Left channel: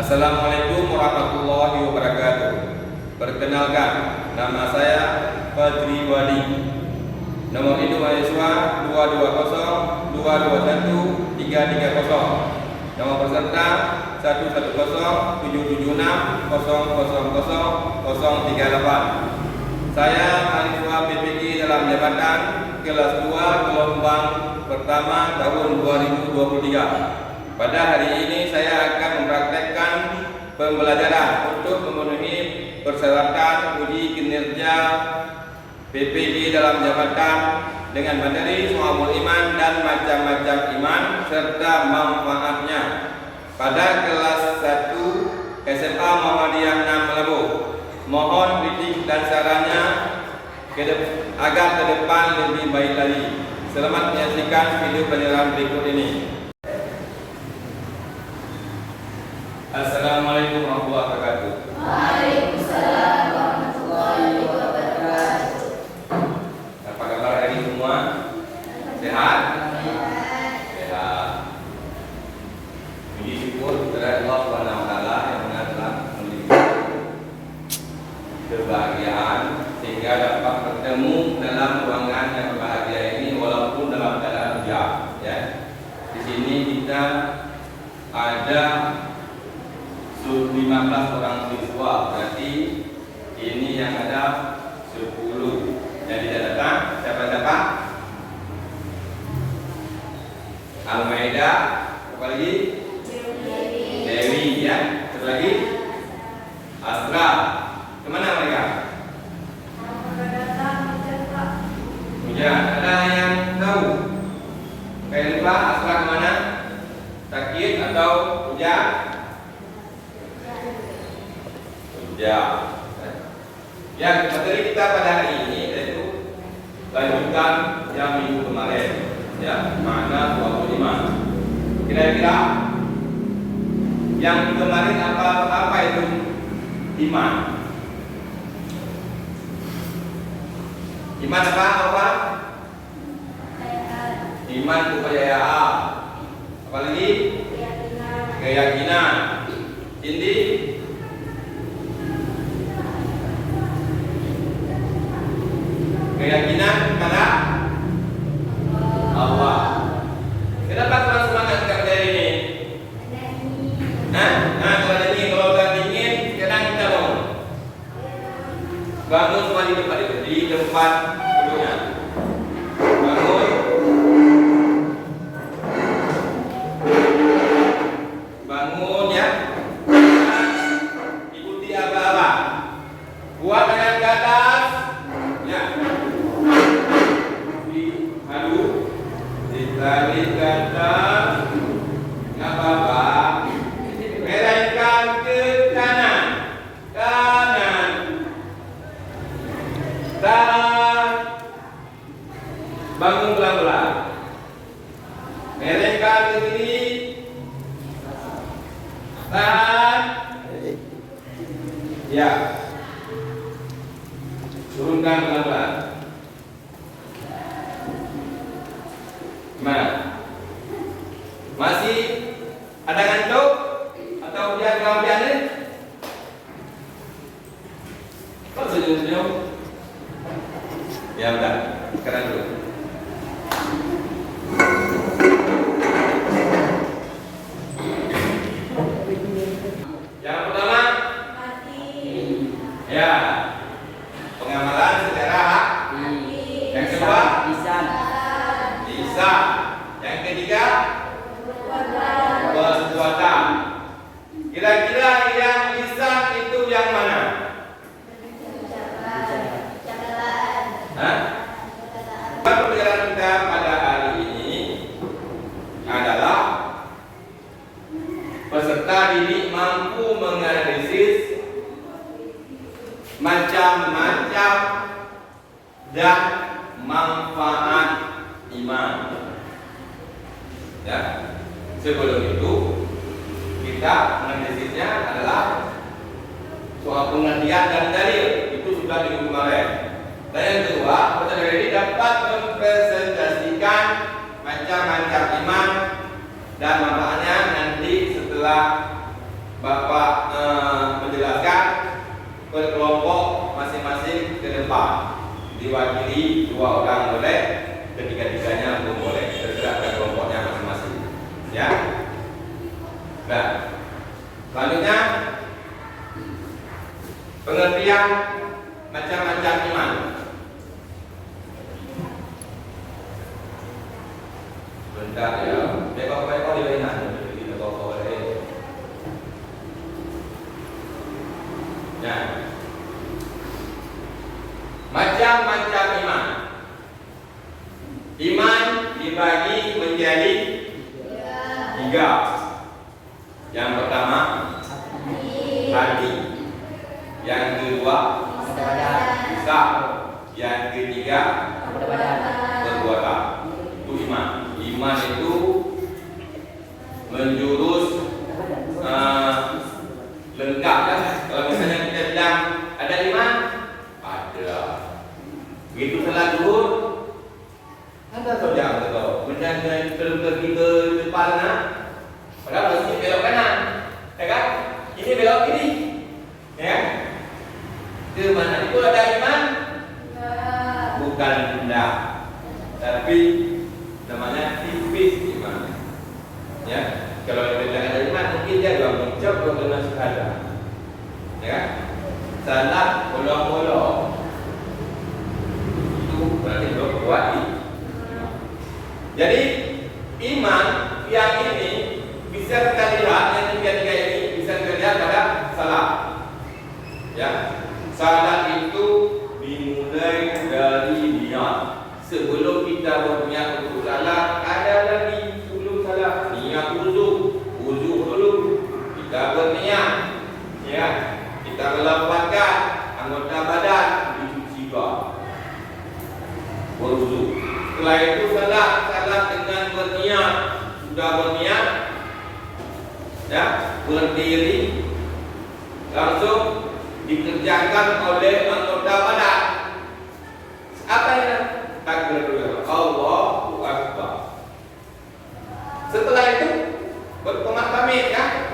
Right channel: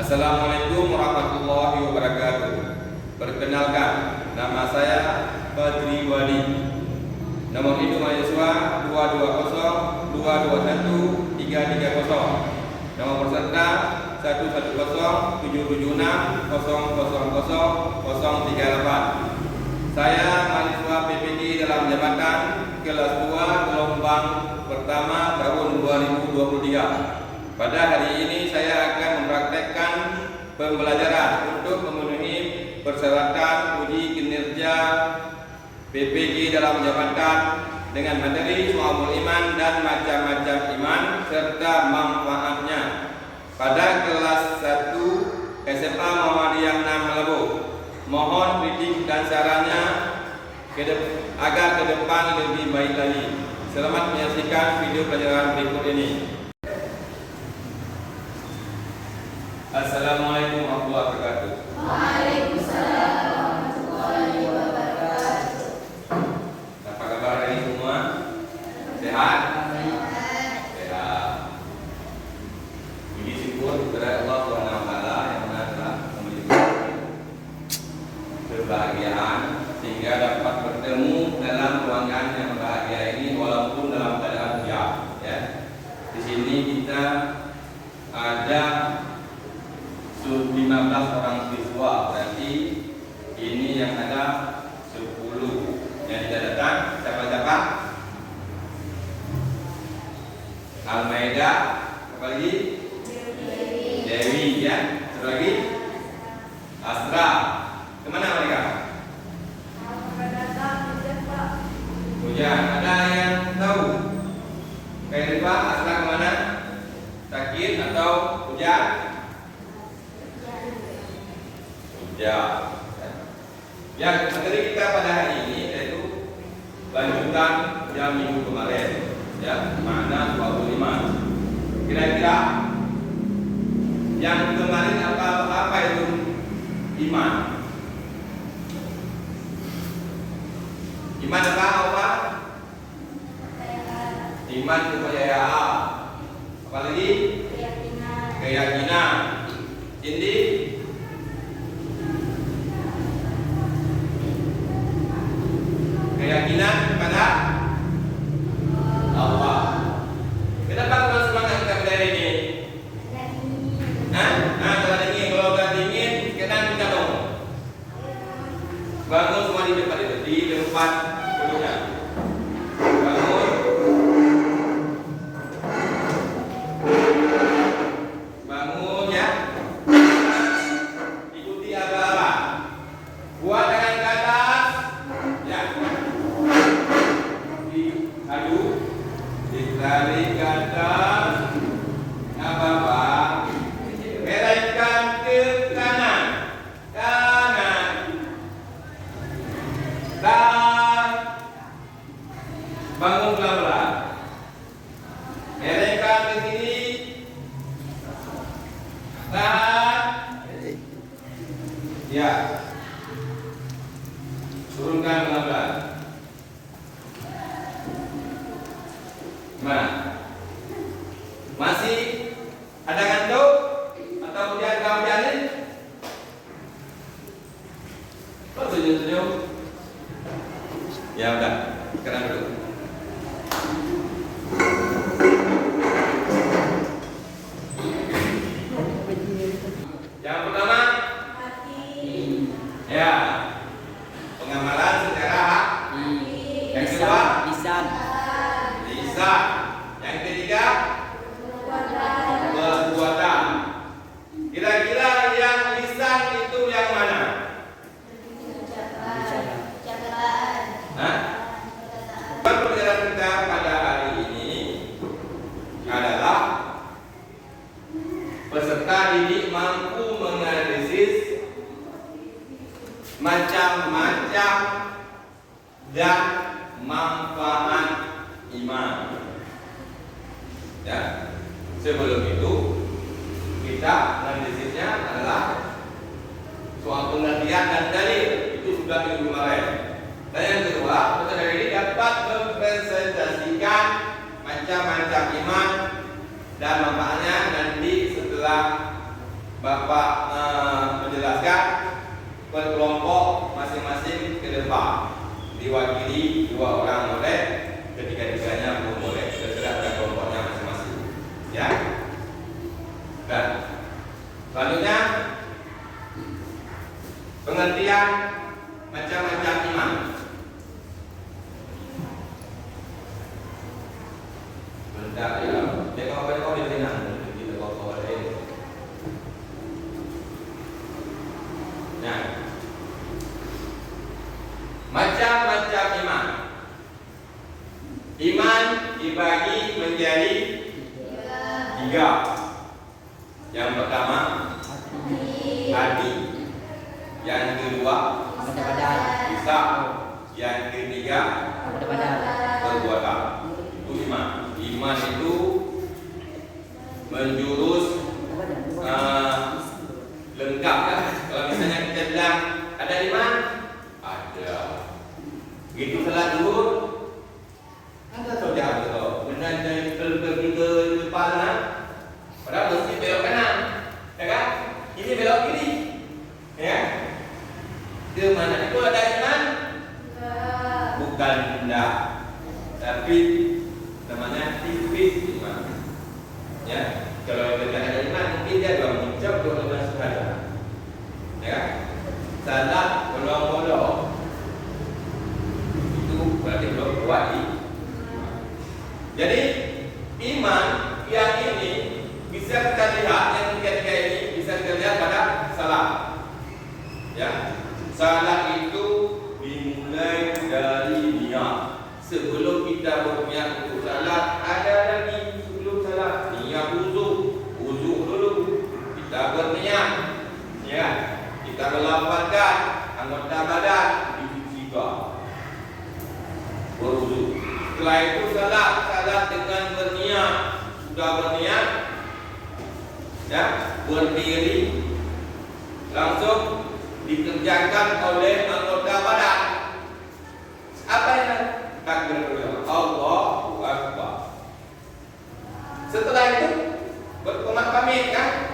Assalamualaikum warahmatullahi wabarakatuh. Perkenalkan, nama saya Fadri Wali. Nomor induk mahasiswa 220-221-330. Nomor peserta 110-776-000-038. Saya mahasiswa PPG dalam jabatan kelas 2 gelombang pertama tahun 2023. Pada hari ini saya akan mempraktekkan pembelajaran untuk memenuhi persyaratan uji kinerja PPG dalam jabatan dengan materi Syu'abul Iman dan macam-macam iman serta manfaatnya pada kelas 1 SMA Muhammadiyah 6 Melabuh. Mohon kritik dan sarannya agar ke depan lebih baik lagi. Selamat menyaksikan video pelajaran berikut ini. Assalamualaikum warahmatullahi wabarakatuh. Waalaikumsalam warahmatullahi wabarakatuh. Apa kabar hari ini semua? Sehat? Sehat. Puji syukur kepada Allah Subhanahu wa taala yang telah memberikan kebahagiaan sehingga dapat bertemu dalam ruangan yang bahagia ini walaupun dalam keadaan hujan, ya. Di sini kita ada 15 orang siswa, berarti ini yang ada 10. Yang tidak datang siapa-siapa? Almaida, apa lagi? Dewi, ya. Satu lagi? Asra. Kemana mereka? Hujan. Ada yang tahu? Kayak Pak, Asra kemana? Sakit atau hujan? Ya, materi kita pada hari ini yaitu lanjutan yang minggu kemarin, ya, makna Syu'abul Iman. Kira-kira yang kemarin apa itu iman? Iman apa? Iman kepercayaan. Apalagi? Keyakinan. Cindy? Keyakinan kepada Allah. Kenapa kurang semangat enggak belajar ini? Kalau dingin, sekarang kita bangun semua di tempat duduknya. Bangun ya. Ikuti apa-apa. Buat tangan ke atas. Ya. Ditarik ke atas, nggak apa-apa. Melengkung ke kanan, dan bangun pelan-pelan. Melengkung ke kiri, tahan, ya. Turunkan pelan-pelan. Nah, masih ada ngantuk atau dia kelampian ini? Kok senyum-senyum? Ya enggak, sekarang dulu. Yang pertama, ya, pengamalan secara hati. Yang kedua, lisan. Yang ketiga, perbuatan. Kira-kira yang lisan itu yang mana? Pembelajaran kita pada hari ini adalah peserta didik mampu menganalisis macam-macam dan manfaat iman. Ya, sebelum itu kita analisisnya adalah soal pengertian dan dalil, itu sudah minggu kemarin. Dan yang kedua, peserta ini dapat mempresentasikan macam-macam iman dan manfaatnya nanti setelah Bapak menjelaskan per kelompok masing-masing ke depan, diwakili 2 orang boleh, ketiga-tiganya pun boleh, terserah pada kelompoknya masing-masing. Ya. Dan selanjutnya pengertian macam-macam iman. Bentar ya, dekor-dekor di mana? Di dekor-dekor ini. Ya. Macam-macam iman. Iman dibagi menjadi 3. Yang pertama hati, yang kedua lisan, yang ketiga perbuatan. Itu iman. Iman itu menjurus lengkap ya. Kalau misalnya kita bilang ada iman, ada. Begitu salat zuhur, ada saja betul. Benar-benar kita depan, padahal mesti belok kanan, ya kan? Ini belok kiri, ya. Ke mana? Itu ada iman? Bukan rendah, tapi namanya tipis iman. Ya, kalau kita bilang ada iman, mungkin dia 2 mengucap 2 kalimat syahadat. Ya, salat bolong-bolong. Itu berarti berbuat. Jadi iman yang ini bisa kita lihat, yang tiga-tiga ini bisa kita lihat pada salat. Ya, salat itu dimulai dari niat. Sebelum kita berniat untuk salat, ada lagi sebelum salat niat wudu. Wudu dulu kita berniat, ya, kita melapangkan anggota badan, dicuci berwudu. Setelah itu salat dengan berniat, sudah berniat, ya, berdiri, langsung dikerjakan oleh anggota badan. Apa ini? Takbir dulu. Allahu Akbar. Setelah itu berkomat pamit ya,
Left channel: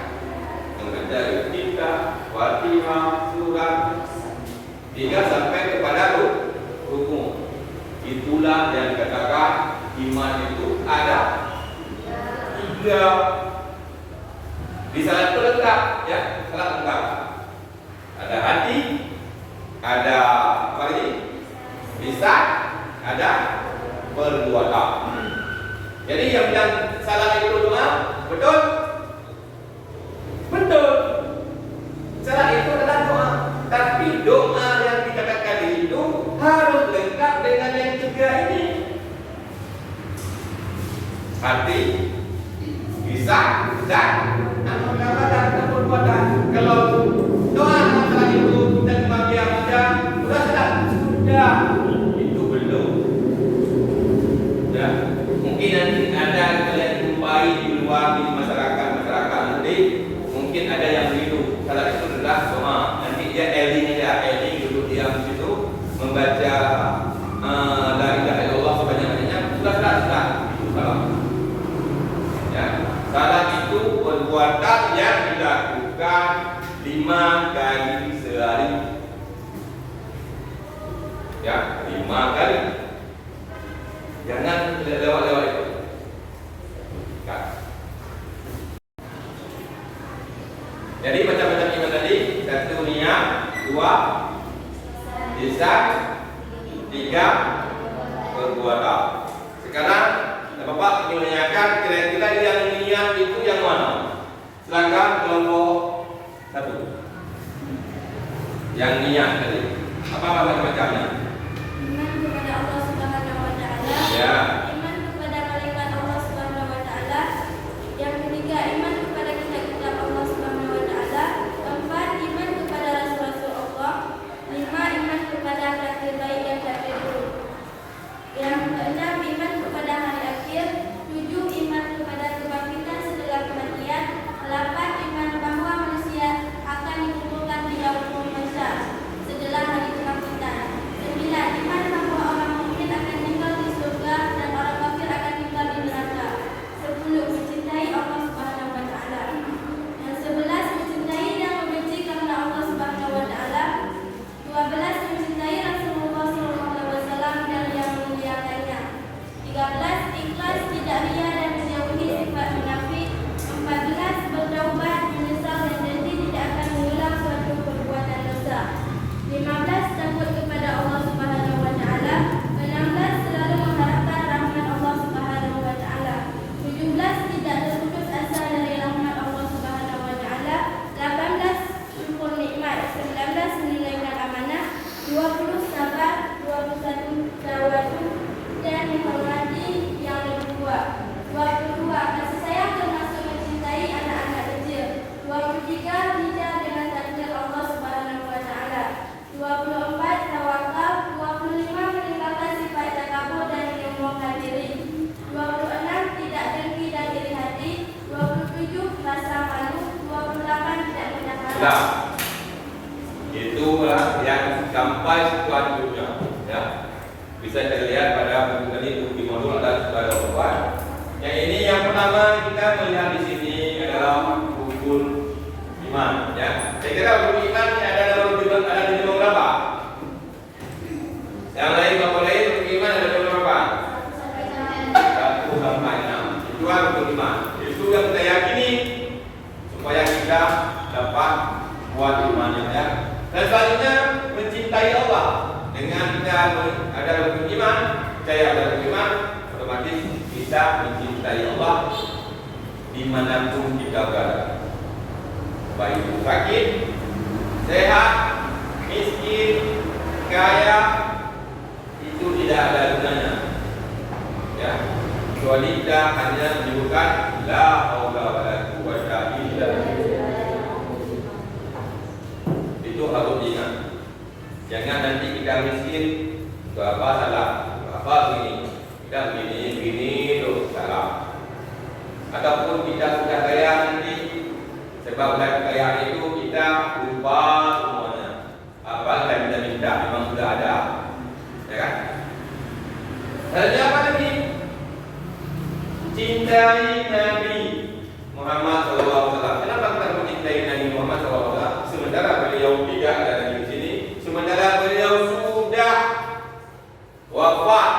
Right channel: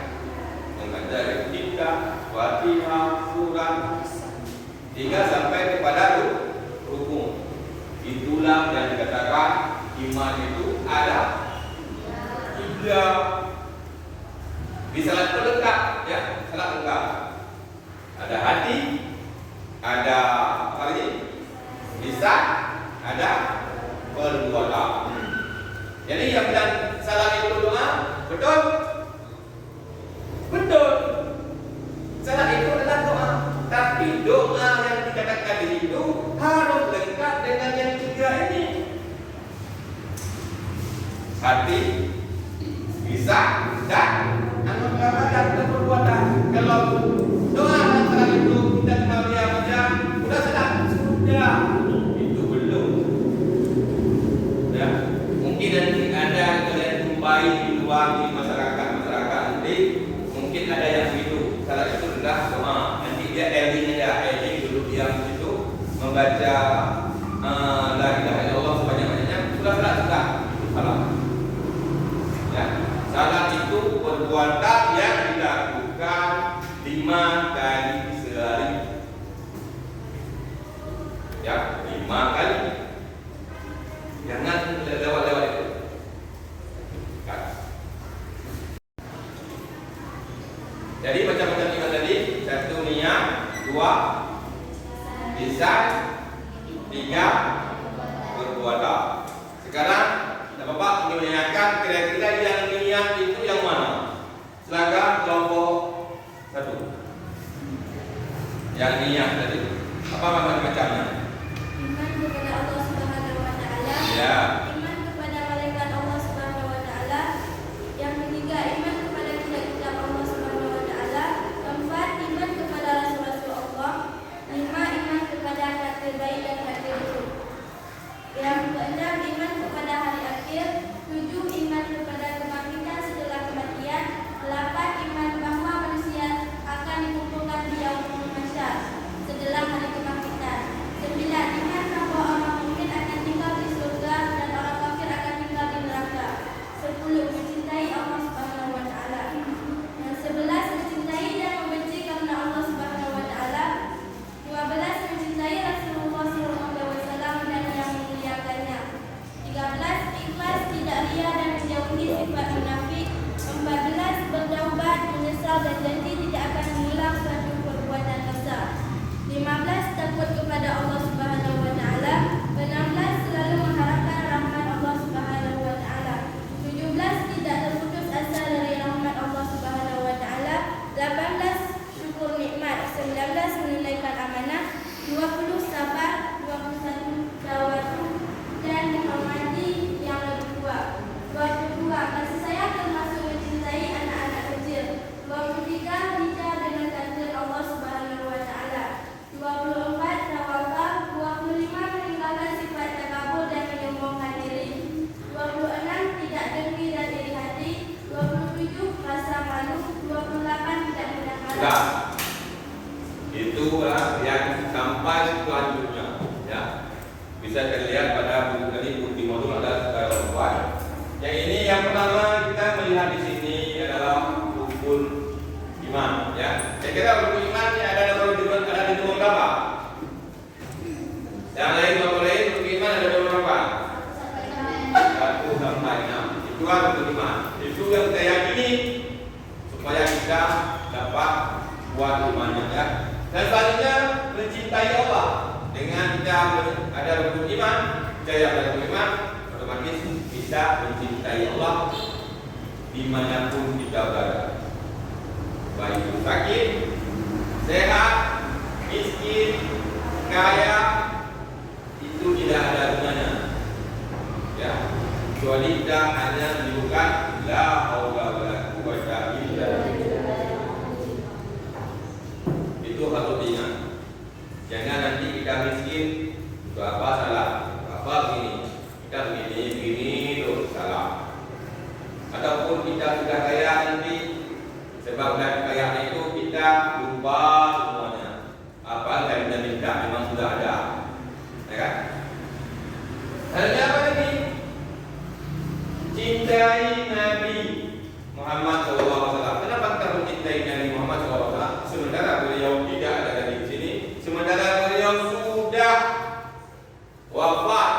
membaca Iqtida, Fatihah, surat 3 sampai kepada rukun. Itulah yang dikatakan iman itu ada 3. Di salat itu lengkap ya, salat lengkap. Ada hati, ada apa lagi? Lisan, ada perbuatan. Jadi yang bilang salat itu doa, betul? Betul. Salat itu adalah doa, tapi doa yang dikatakan itu harus lengkap dengan yang 3 ini. Hati, lisan, dan anggota badan dan perbuatan. Kalau doa dalam salat itu kita cuma biar baca, sudah salat, sudah. Itu belum. Ya, mungkin nanti ada kalian jumpai di luar di masyarakat nanti, mungkin ada yang begitu. Salat itu adalah doa. Nanti dia eling duduk diam situ membaca la ilaha illallah sebanyak-banyaknya, sudah itu salat. Ya, salat itu perbuatan yang dilakukan 5 kali sehari. Ya, 5 kali. Jangan lewat-lewat itu. Kan. Jadi macam-macam iman tadi, 1 niat, 2 lisan, 3 perbuatan. Sekarang Bapak ingin menanyakan kira-kira yang niat itu yang mana? Silakan kelompok 1. Yang niat tadi. Apa macam-macamnya? Iman kepada Allah Subhanahu wa taala. Ya. Iman kepada malaikat Allah Subhanahu wa taala. Yang ketiga, iman kepada kitab-kitab Allah Subhanahu wa taala. 4, iman kepada rasul-rasul Allah. 5, iman kepada takdir baik dan takdir buruk. Yang keenam, iman kepada hari akhir. 7, iman kepada kebangkitan setelah kematian. 8, iman bahwa manusia akan dikumpulkan di yaumul mahsyar setelah hari kebangkitan. 9, iman bahwa orang mukmin akan tinggal di surga dan Sudah. Itulah yang sampai selanjutnya, ya. Bisa dilihat pada buku tadi, bukti modul ada sebuah. Yang ini yang pertama kita melihat di sini adalah rukun iman, ya. Saya kira rukun iman ini ada di nomor berapa? Yang lain kalau lain rukun iman ada nomor berapa? 1 sampai 6. Itu rukun iman. Itu yang kita yakini supaya kita dapat kuat imannya, ya. Dan selanjutnya mencintai Allah. Dengan kita ada rukun iman, percaya ada rukun iman, otomatis kita mencintai Allah dimanapun kita berada. Baik itu sakit, sehat, miskin, kaya, itu tidak ada gunanya, ya. Kecuali kita hanya menyebutkan la haula wala quwwata illa billah. Itu harus diingat. Jangan nanti kita miskin, itu apa salah, apa begini, kita begini itu salah. Ataupun kita sudah kaya nanti, sebab kekayaan itu kita lupa semuanya. Apa yang kita minta memang sudah ada, ya kan? Ada apa lagi? Cintai Nabi Muhammad SAW. Kenapa kita mencintai Nabi Muhammad SAW? Sementara beliau tidak ada di sini, sementara beliau sudah wafat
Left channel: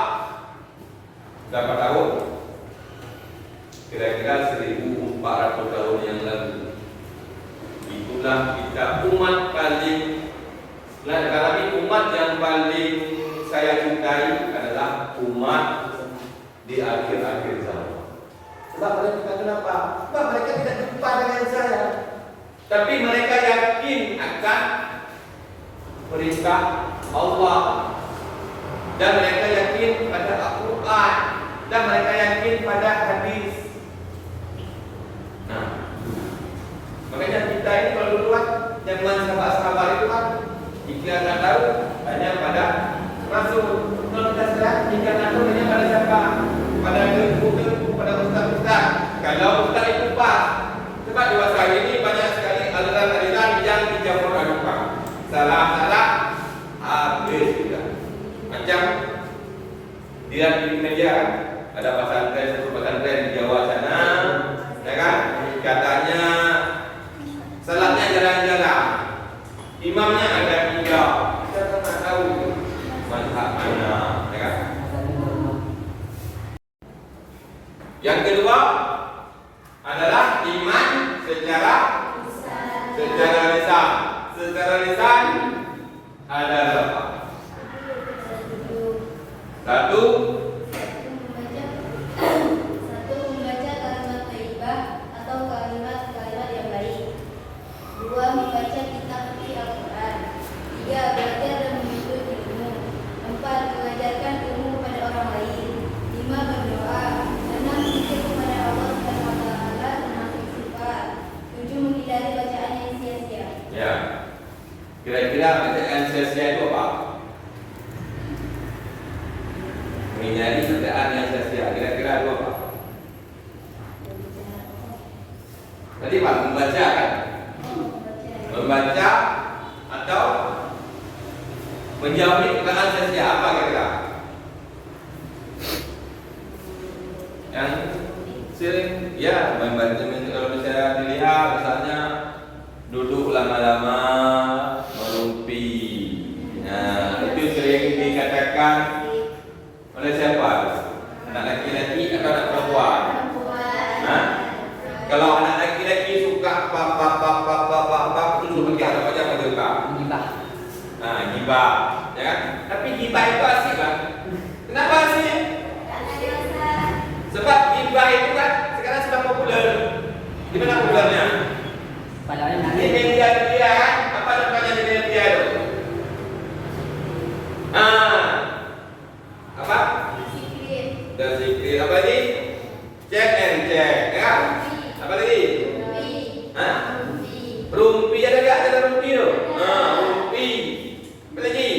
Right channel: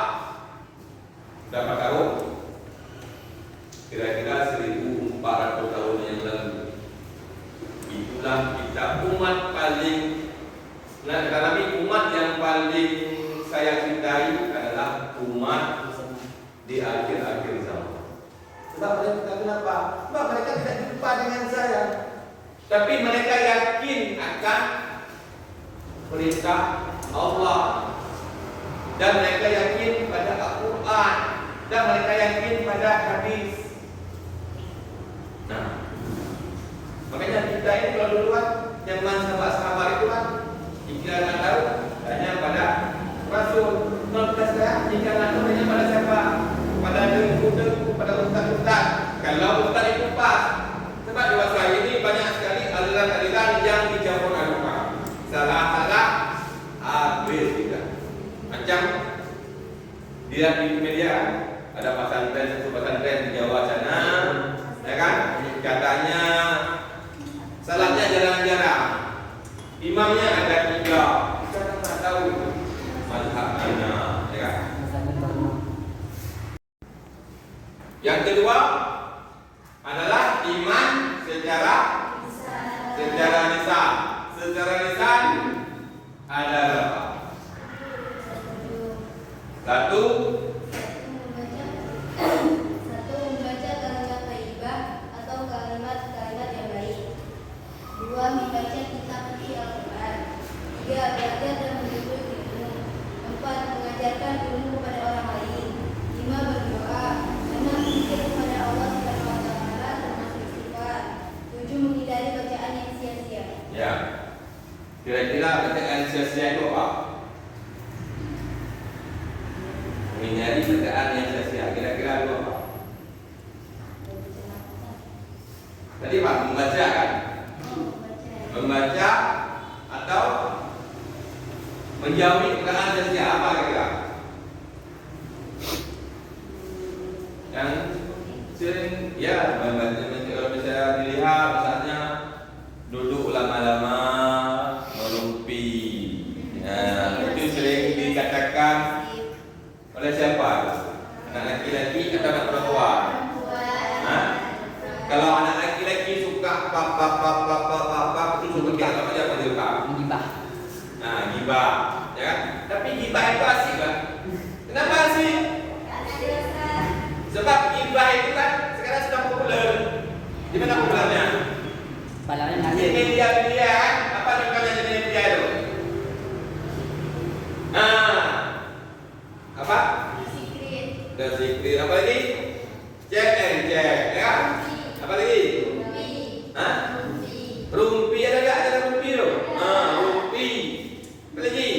berapa tahun? Kira-kira 1400 tahun yang lalu. Itulah kita umat paling, karena umat yang paling saya cintai adalah umat di akhir-akhir zaman. Sebab mereka kenapa? Sebab mereka tidak jumpa dengan saya, tapi mereka yakin akan perintah Allah, dan mereka yakin pada Al-Quran, dan mereka yakin pada hadis. Nah, makanya kita ini kalau duluan zaman sahabat-sahabat itu kan iklan tahu hanya pada Rasul. Kalau kita sekarang iklan tahu hanya pada siapa? Pada dengku-dengku, pada ustaz-ustaz. Kalau ustaz itu pas, sebab di masa ini banyak sekali aliran-aliran yang dicampur agama. Salah-salah habis juga. Macam dilihat di media, ada satu pesantren di Jawa sana, ya kan? Katanya salatnya jarang-jarang, imamnya ada 3. Kita tak tahu mazhab mana, ya kan? Yang kedua adalah iman secara lisan. Secara lisan ada berapa? 1. Membaca kalimat thayyibah atau kalimat yang baik. 2. Membaca kitab suci Al-Quran. 3. Belajar dan menuntut ilmu. 4. Mengajarkan ilmu kepada orang lain. 5. Berdoa. 6. Zikir kepada Allah Subhanahu wa taala termasuk istighfar. 7. Menghindari bacaan yang sia-sia. Ya. Kira-kira bacaan sia-sia itu apa? Menghindari bacaan yang sia-sia. Kira-kira itu apa? Tadi Pak membaca kan? Membaca atau menjauhi bacaan sia-sia, apa kira-kira? Yang sering ya membaca, kalau bisa dilihat misalnya duduk lama-lama merumpi. Nah, itu sering dikatakan oleh siapa? Anak laki-laki atau anak perempuan? Nah, kalau anak laki-laki suka apa itu suka dia apa aja pada suka. Nah, gibah, ya kan? Tapi gibah itu asik kan? Kenapa asik? Sebab gibah itu kan sekarang sudah populer. Di mana populernya? Di media kan? Apa namanya di media itu? Apa? The Secret. Apa lagi? Check and check, ya? Apa lagi? Rumpi ada nggak? Ada rumpi tu? Rumpi. Apa lagi?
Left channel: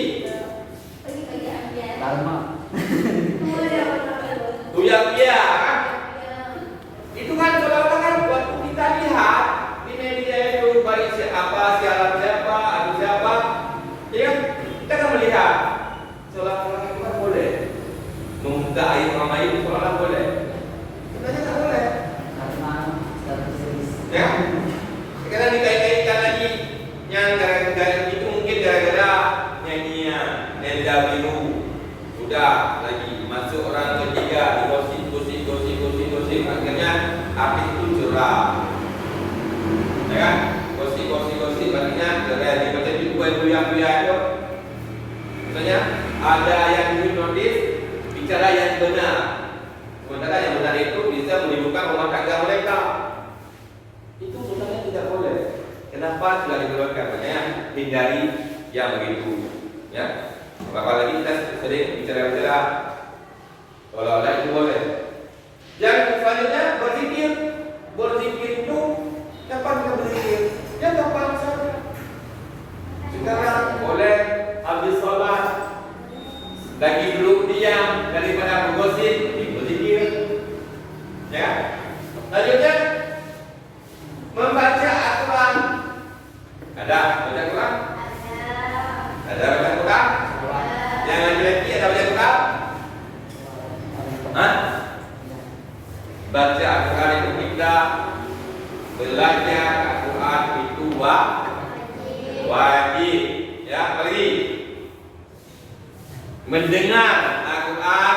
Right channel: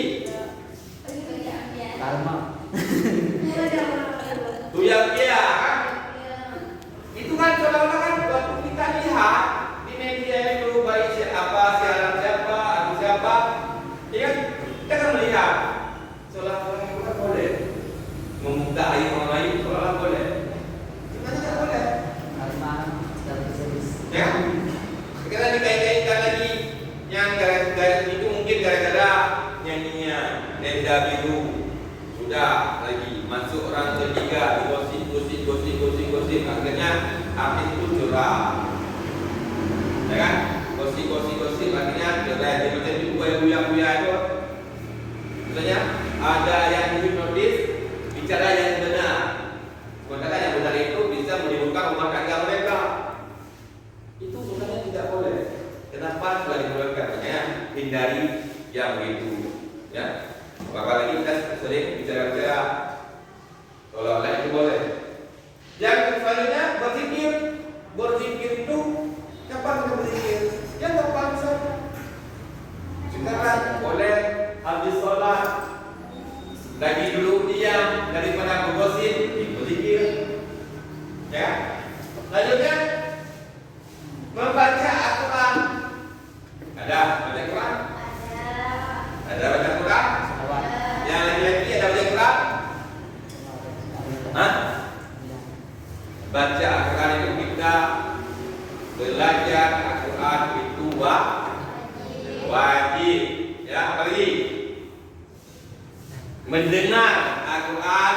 Tuyang dia kan? Itu kan seolah-olah kan waktu kita lihat Ya, sekarang dikait-kaitkan lagi yang gara-gara itu mungkin gara-gara nyanyian Nenda Biru. Sudah lagi masuk orang ketiga, gosip, akhirnya artis itu curang. Ya kan? Gosip akhirnya cerai. Dia macam itu buaya itu. Misalnya ada yang hipnotis bicara yang benar. Sementara yang benar itu bisa menimbulkan rumah tangga mereka. Itu sebenarnya tidak boleh. Kenapa sudah dikeluarkan? Makanya hindari yang begitu. Ya. Apalagi kita sering bicara-bicara seolah-olah itu boleh. Yang selanjutnya berzikir itu kapan kita berzikir? Ya kapan saja. Sekarang boleh habis sholat lagi duduk diam daripada bergosip, berzikir. Ya. Selanjutnya membaca Al-Quran. Ada baca Quran? Ada baca Quran? Yang laki-laki ada baca Quran? Hah? Baca Al-Quran itu kita belajar Al-Quran itu wajib. Ya, apalagi mendengar Al-Quran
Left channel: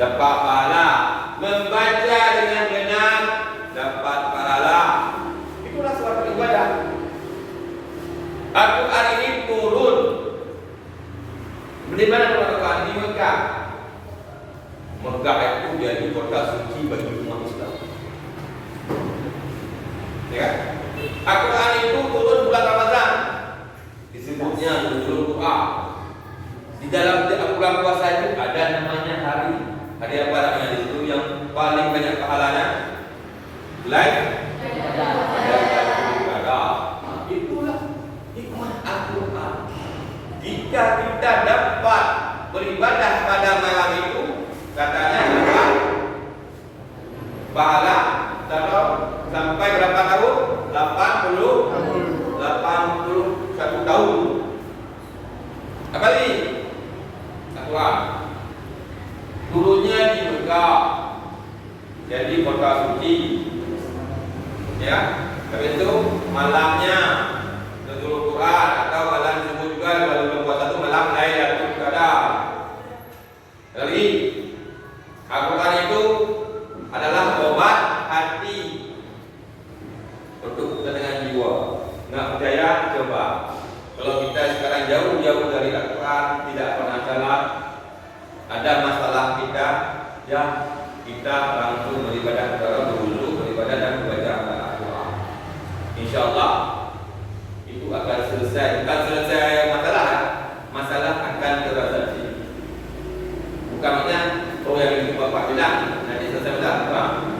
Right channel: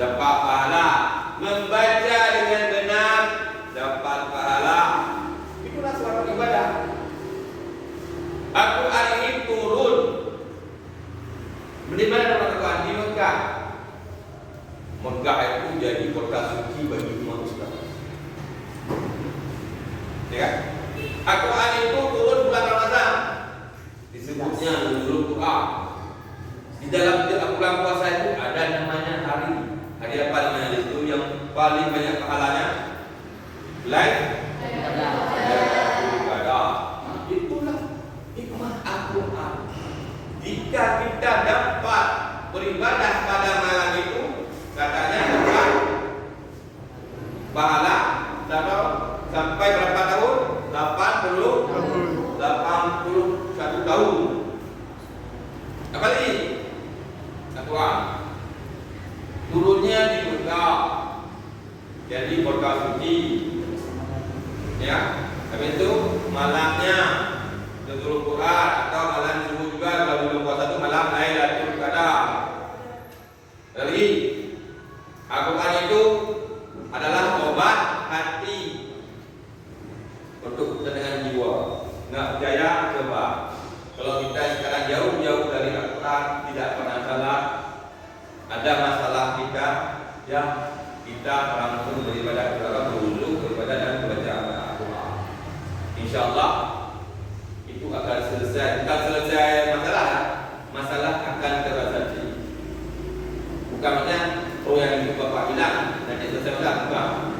dapat pahala, membaca dengan benar dapat pahala. Itulah suatu ibadah. Al-Quran ini turun di mana Al-Quran? Di Mekah. Mekah itu jadi kota suci bagi umat Islam. Ya. Al-Quran itu turun bulan Ramadan. Disebutnya Nuzul Quran. Di dalam bulan puasa itu ada namanya hari apa namanya itu yang paling banyak pahalanya? Itulah hikmah Al-Quran. Jika kita dapat beribadah pada malam itu, katanya dapat pahala sampai berapa tahun? 81 tahun. Apa lagi? Al-Quran turunnya di Mekah, jadi kota suci. Ya, habis itu malamnya Nuzul Quran atau malam Jumat juga kalau bulan puasa itu malam Lailatul Qadar. Lagi Al-Quran itu adalah obat hati untuk ketenangan jiwa. Nggak percaya coba. Kalau kita sekarang jauh-jauh dari Al-Quran, tidak pernah salat, ada masalah kita, ya kita langsung beribadah kepada berwudu, beribadah dan membaca Al-Quran. Insyaallah itu akan selesai. Bukan selesai masalah akan terasa. Bukan maknanya yang itu Bapak bilang nanti selesai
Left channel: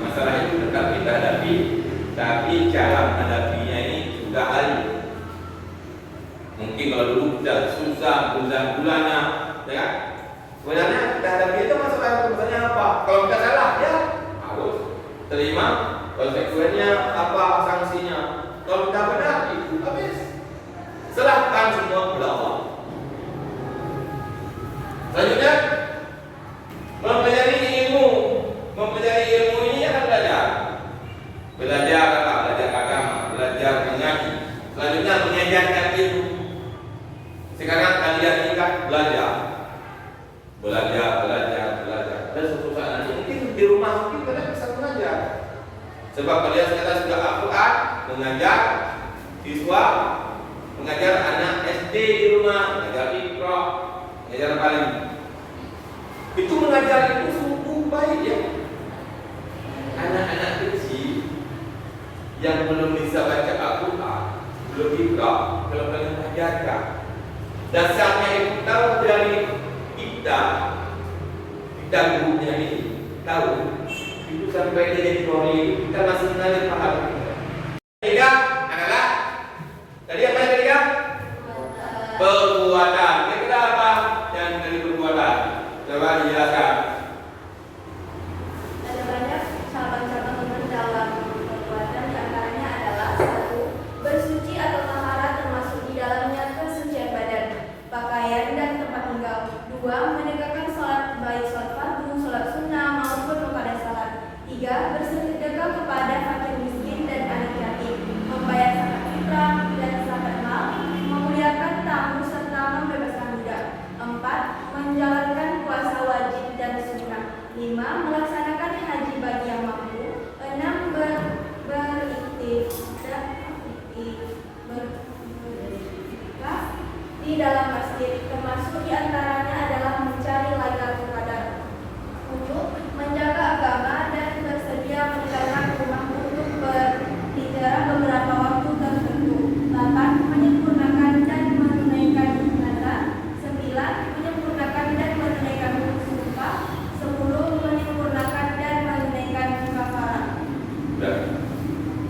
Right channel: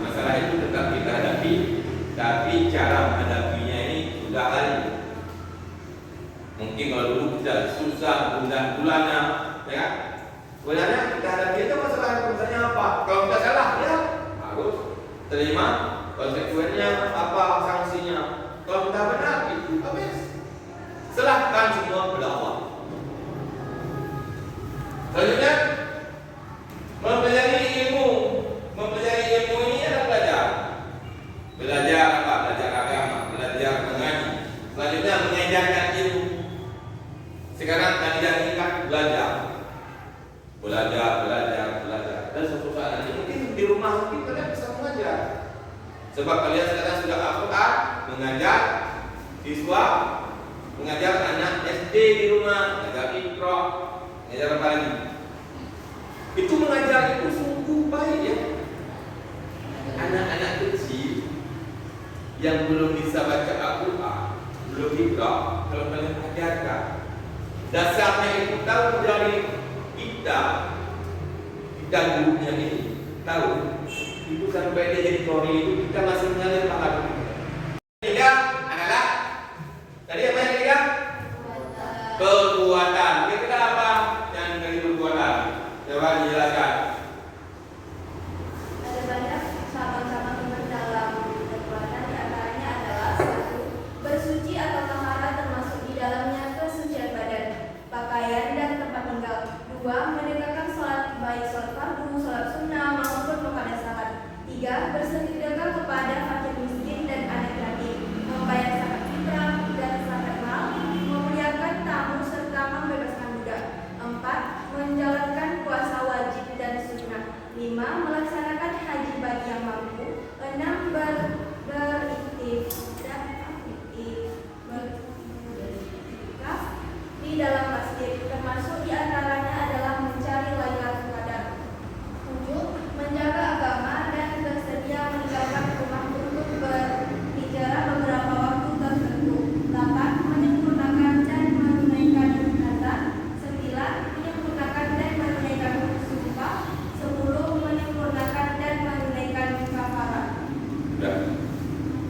masalah itu tetap kita hadapi, tapi cara menghadapinya ini sudah hari. Mungkin kalau dulu kita susah bulan-bulannya, ya. Sebenarnya kita hadapi itu masalahnya apa? Kalau kita salah, ya harus terima konsekuensinya apa, sanksinya. Kalau kita benar, itu habis. Serahkan semua kepada Allah. Selanjutnya mempelajari ilmu. Mempelajari ilmu ini adalah belajar apa? Belajar agama, belajar mengaji. Selanjutnya mengajarkan ilmu. Sekarang kalian ingat belajar. Dan suatu saat nanti mungkin di rumah mungkin kalian bisa mengajar. Sebab kalian sekarang sudah Al-Quran, mengajar siswa, mengajar anak SD di rumah, mengajar Iqra, mengajar apa lagi? Itu mengajar itu sungguh baik ya. Anak-anak kecil yang belum bisa baca Al-Quran, belum Iqra, kalau kalian ajarkan, dasarnya itu tahu dari kita gurunya ini tahu itu sampai dia jadi kori itu kita masih mengalir paham. Ketiga adalah tadi apa yang ketiga? Perbuatan. Ketiga apa? Yang dari perbuatan. Coba dijelaskan. Ada banyak cabang-cabang dalam perbuatan, di antaranya adalah 1. Bersuci atau taharah termasuk di dalamnya kesucian badan, pakaian dan tempat tinggal. 2. Menegakkan sholat baik sholat fardu, sholat sunnah maupun kepada salat. 3. Bersedekah kepada fakir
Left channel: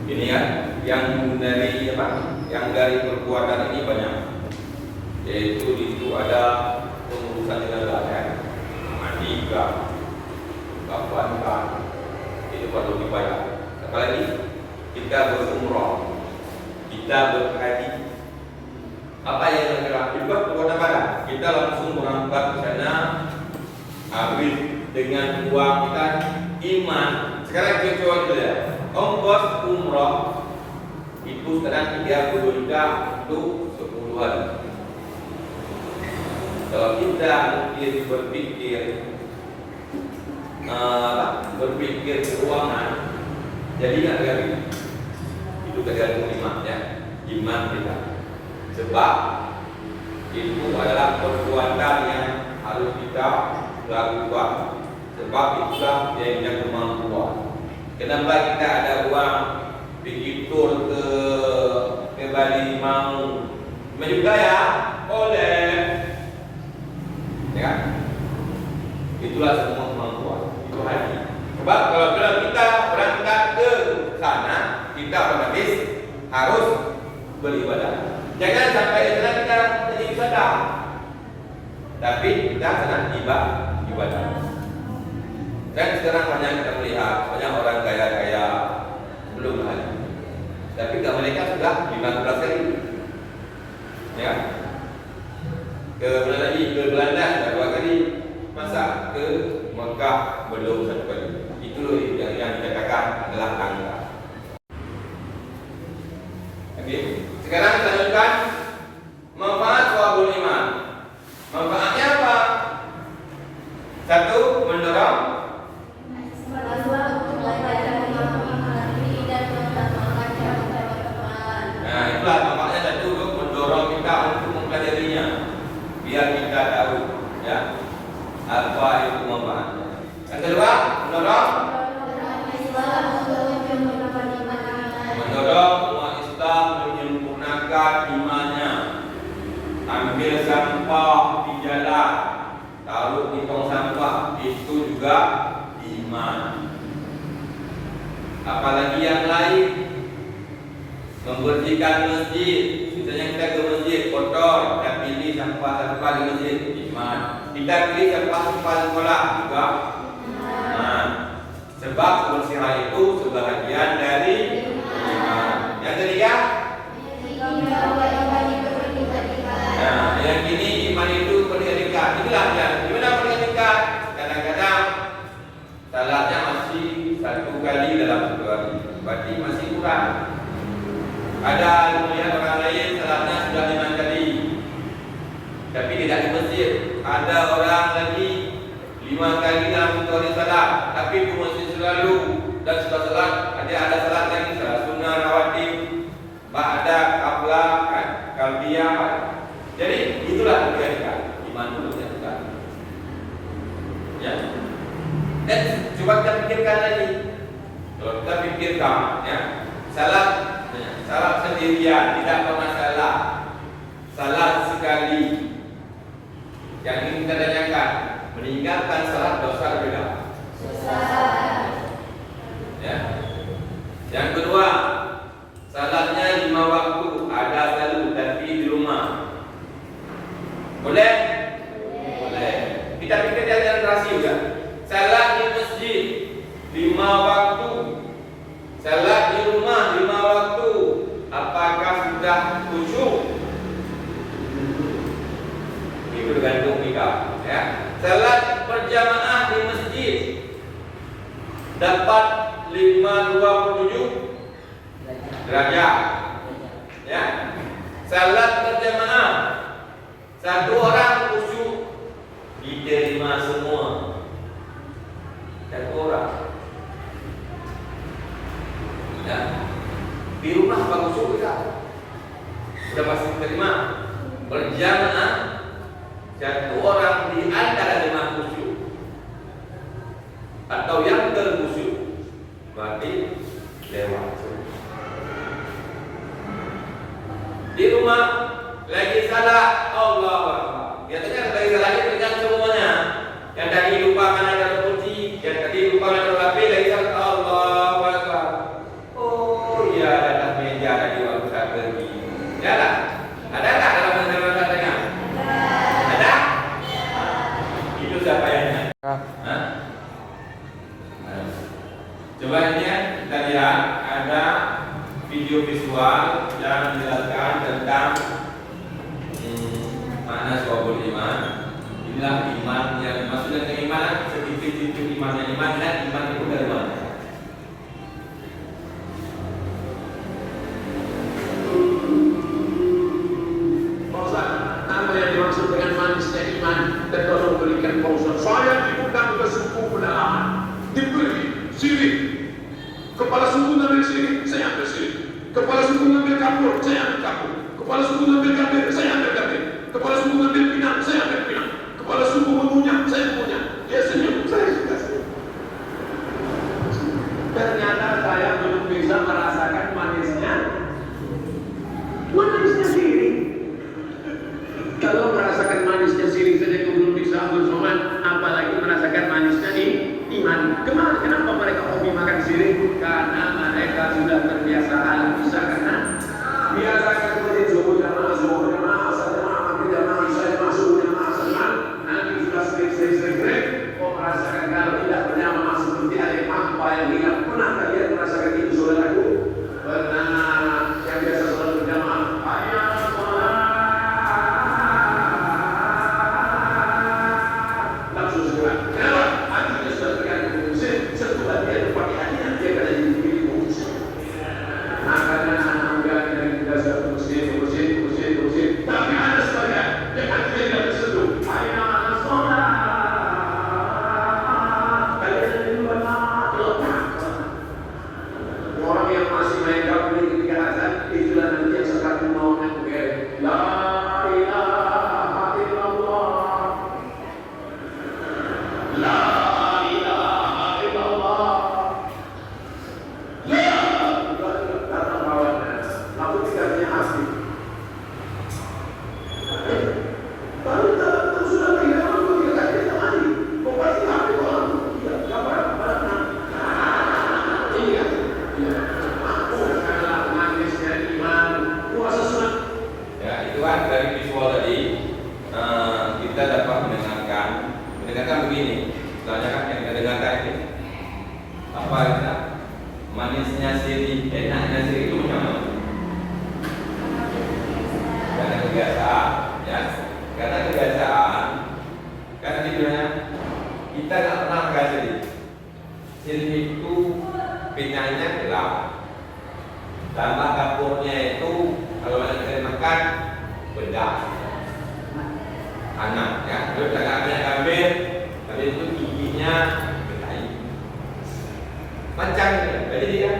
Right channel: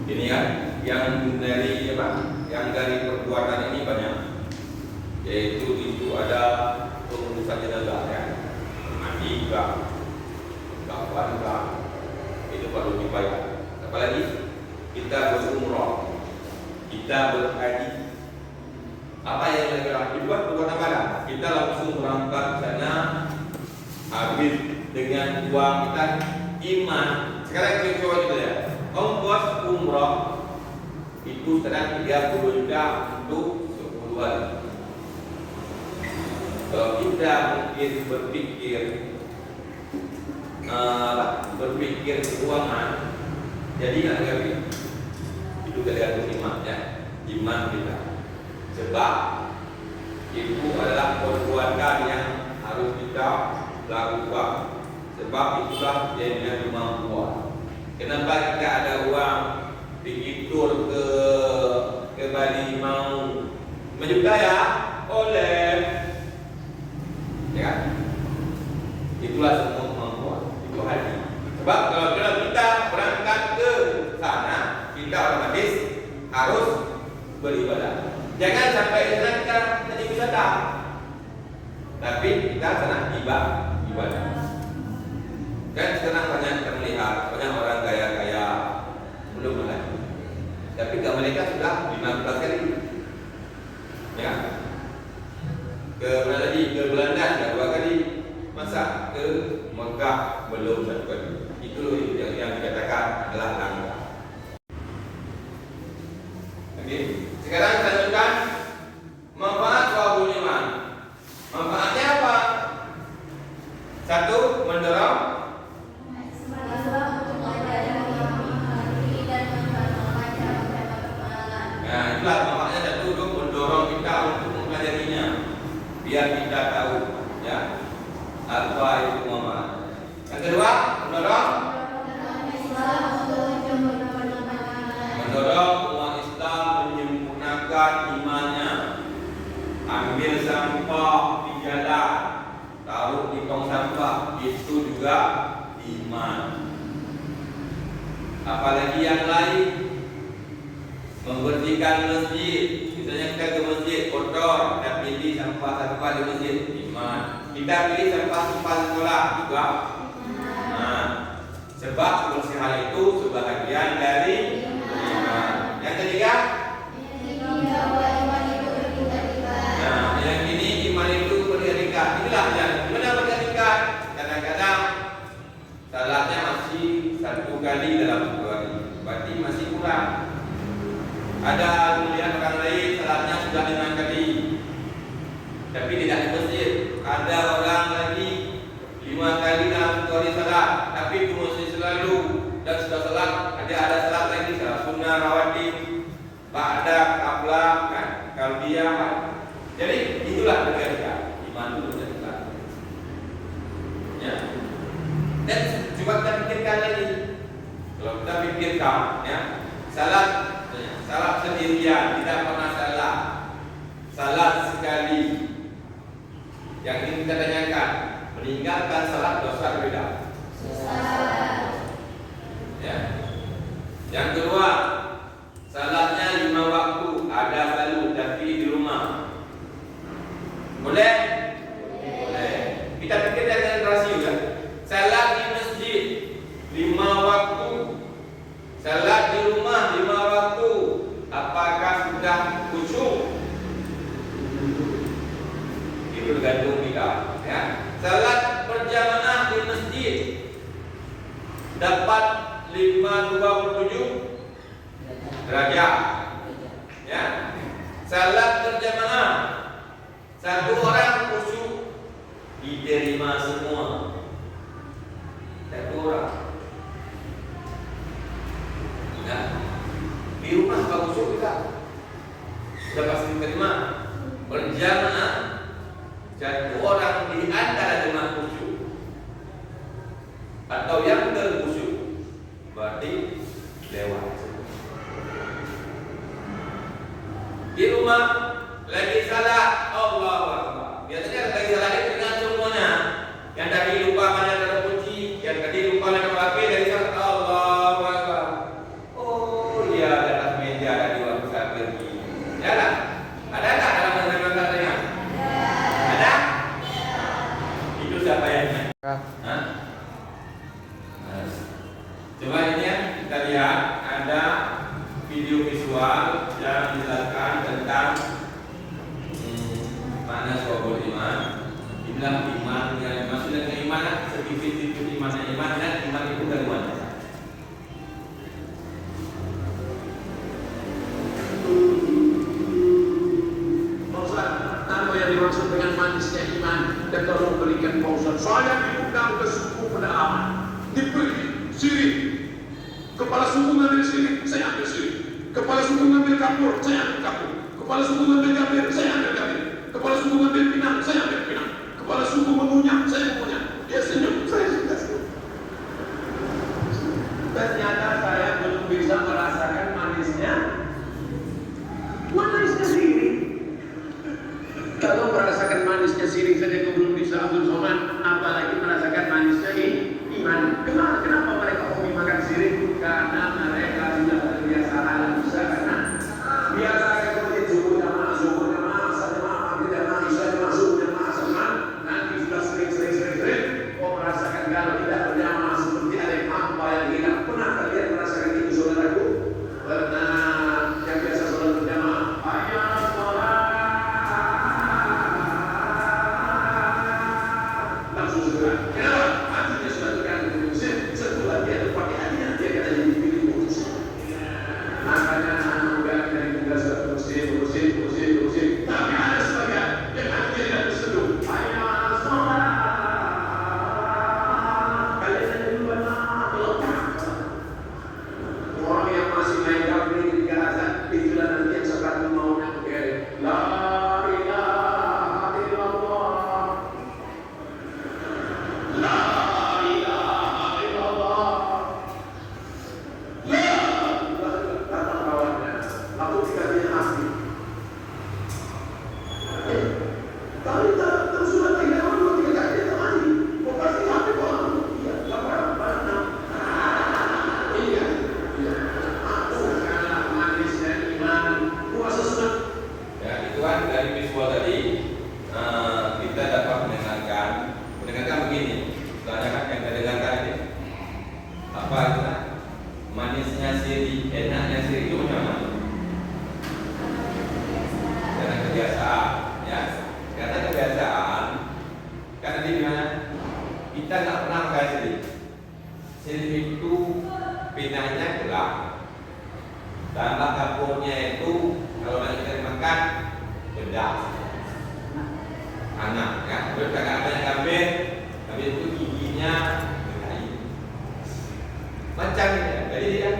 Ini kan yang dari apa? Yang dari perbuatan ini banyak. Yaitu itu ada pengurusan jenazah ya. Mandi juga, kafan juga. Itu perlu dibayar. Apalagi kita berumrah, kita berhaji. Apa yang kita buat perbuatan apa? Kita langsung berangkat ke sana, habis dengan uang kita iman. Sekarang kita coba kita lihat. Ongkos umrah itu sekarang 30 juta untuk 10 hari. Kalau kita mungkin berpikir keuangan, jadi nggak gagal. Itu tergantung iman ya, iman kita. Sebab itu adalah perbuatan yang harus kita lakukan. Sebab itulah yang punya kemampuan. Kenapa kita ada uang dikitur ke Bali mau menjuta ya? Oleh ya, itulah semua kemampuan. Itu haji. Sebab kalau kita berangkat ke sana, kita otomatis harus beribadah. Jangan sampai sana kita jadi wisata, tapi kita sana ibadah. Dan sekarang banyak kita melihat banyak orang kaya-kaya belum haji, tapi ke mereka sudah 15 kali, ya. Ke mana lagi? Ke Belanda sudah 2 kali, masa ke Mekah belum 1 kali. Itu yang dikatakan adalah angka. Oke. Sekarang kita lanjutkan manfaat Shawabul Iman. Manfaatnya apa? 1. Mendorong. Nah, itulah manfaatnya. 1. Mendorong kita untuk mempelajarinya, biar kita tahu ya apa itu manfaatnya. Yang kedua, mendorong umat Islam menyempurnakan imannya. Ambil sampah di jalan, taruh di tong sampah, itu juga iman. Apalagi yang lain, membersihkan masjid. Misalnya kita ke masjid kotor, kita pilih sampah-sampah di masjid, iman. Kita pilih sampah-sampah sekolah, juga iman. Sebab kebersihan itu sebahagian dari iman. Yang ketiga, nah, yang ini iman itu bertingkat-tingkat. Inilah gimana bertingkat-tingkat. Kadang-kadang salatnya masih 1 kali dalam 1 hari, berarti masih kurang. Ada melihat orang lain salatnya sudah 5 kali, tapi tidak di masjid. Ada orang lagi 5 kali dalam 1 hari salat, tapi di masjid selalu dan sudah salat. Ada salat lagi, salat sunnah rawatib, ba'da, qabla, qalbiyah. Jadi itulah bertingkat. Iman itu bertingkat. Ya. Dan coba kita pikirkan lagi. Kalau kita pikirkan, ya, salat sendirian, tidak pernah salah. Salat sekali. Yang ingin kita tanyakan, meninggalkan salat dosa atau tidak? Ya. Yang kedua, salatnya 5 waktu, ada selalu tapi di rumah. Boleh? Boleh. Kita pikir dengan rasio ya. Salat di masjid 5 waktu, salat di rumah 5 waktu. Apakah sudah khusyuk? Itu tergantung kita, ya. Salat berjamaah di masjid dapat 527 derajat, ya. Salat berjamaah 1 orang khusyuk diterima semua. 1 orang. Ya. Di rumah apa khusyuk kita? Sudah pasti diterima. Berjamaah 1 orang di antara jemaah khusyuk atau yang terkhusyuk, berarti lewat. Di rumah lagi salah, Allahu Akbar. Biasanya lagi salah itu dengan semuanya. Yang tadi lupa mana terkunci, yang tadi lupa mana HP, lagi salah, Allahu Akbar. Oh iya, ada video visual yang menjelaskan tentang makna syu'abul iman. Inilah iman yang maksudnya keimanan, sedikit-sedikit imannya iman, dan iman itu dari mana? Apa yang dimaksud dengan manisnya iman? Dan tolong berikan pausan. Saya diundang ke suku pedalaman, diberi sirih. Kepala suku ngambil sirih, saya ambil sirih. Kepala suku ngambil kapur, saya ambil kapur. Kepala suku ngambil gambir, saya ambil gambir. Kepala suku ngambil pinang, saya ambil pinang. Kepala suku mengunyah, saya mengunyah. Dia senyum, saya juga senyum. Ternyata saya belum bisa merasakan manisnya sirih. Kalau merasakan manisnya sirih saja itu belum bisa Abdul Somad, apalagi merasakan manisnya iman. Kenapa mereka hobi makan sirih? Karena mereka sudah terbiasa hal bisa, karena biasa seperti subuh jamaah, asar jamaah, maghrib jamaah, isya jamaah, subuh jamaah, asar. Nanti sudah sering, merasakan kalau tidak berjamaah seperti ada yang hampa yang hilang. Pernah kalian merasakan itu, saudaraku? Pernah. Yang biasa sholat berjamaah, hayya sholat, langsung segera. Kenapa? Hatinya sudah tergantung musik. Setelah dia pakai hatinya, dia kata jadi pilih musik. Makanya anak dari kita sudah musik. Tapi ada sebagian yang hatinya tidak tersentuh. Hayya sholat. Kalian yang kedua lepas. Orang yang masih main kabel di azan, itulah nanti yang sekarang mau nanti. La ilaha illallah. La ilaha illallah. La datang kawannya. Aku dikasihnya hati. Tapi tak sudah tidak mampu dikasih temani. Kau pasti hati orang. Iya, gambar. Iya. Ya, itu kan dari visual tadi kita dapat mendengarkan begini. Soalnya kan yang kita dengarkan itu apa itu? Manisnya sirih, enaknya sirih itu macam mana? Karena kebiasaan, ya. Karena kebiasaan, kan tadi bilang kita nggak pernah makan sirih. Sirih itu pinangnya gelap. Tambah kapurnya itu kalau kita makan bedak, anak ya. Terus kakaknya gambir, tapi itu giginya berkayu. Macam ya. Jadi ya,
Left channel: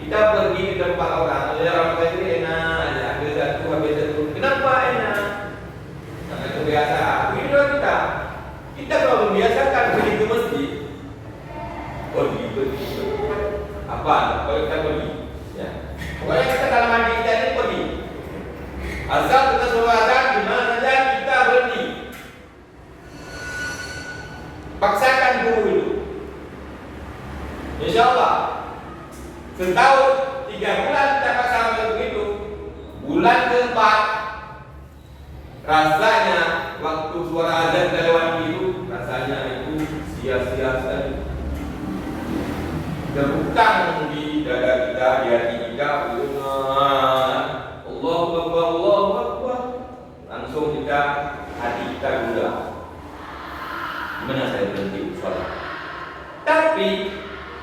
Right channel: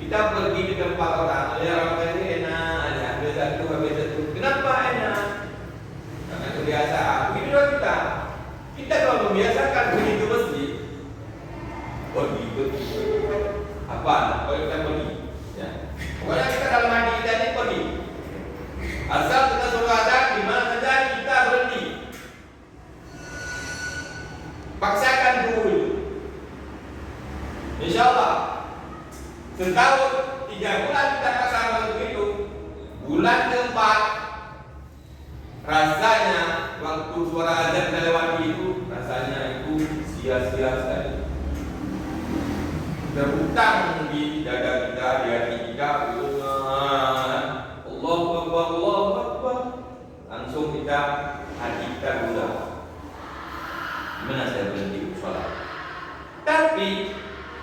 kita pergi di tempat orang, lihat orang lain ini enak aja, ambil satu. Kenapa enak? Karena kebiasaan. Begitulah kita. Kita kalau membiasakan begitu mesti. Oh begitu. Apa? Kalau kita pergi, ya. Pokoknya kita kalau mandi kita ini pergi. Asal kita suruh azan di mana saja kita berhenti. Paksakan dulu. Insyaallah setahun 3 bulan kita paksa begitu. Bulan keempat rasanya waktu suara azan lewat itu rasanya itu sia-sia sekali. Berhutang di dada kita, di hati kita, Allahu Akbar, langsung kita hati kita gula. Gimana saya berhenti sholat? Tapi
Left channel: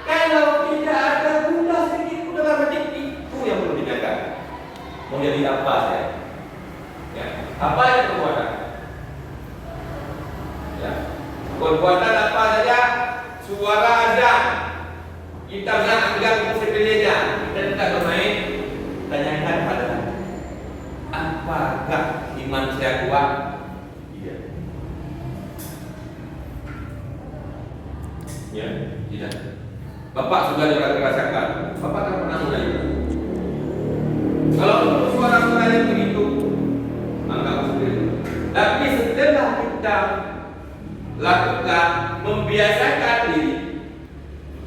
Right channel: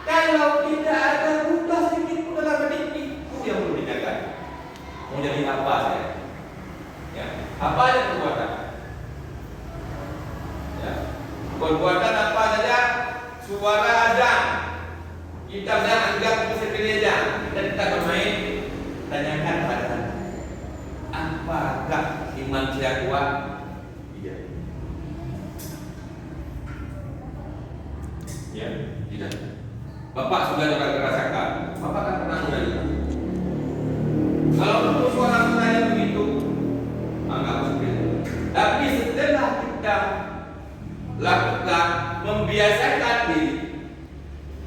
kalau tidak ada gula sedikit pun dalam hati itu yang perlu dijaga. Mau jadi apa saya? Ya, apa yang perbuatan? Ya, perbuatan apa saja? Suara azan. Kita jangan anggap itu sepele aja. Kita tidak bermain. Tanyakan pada hati. Apakah iman saya kuat? Iya. Ya, tidak. Bapak sudah merasakan. Bapak kan pernah mulai. Kalau suara-suara begitu, anggap seperti itu. Tapi setelah kita lakukan, membiasakan diri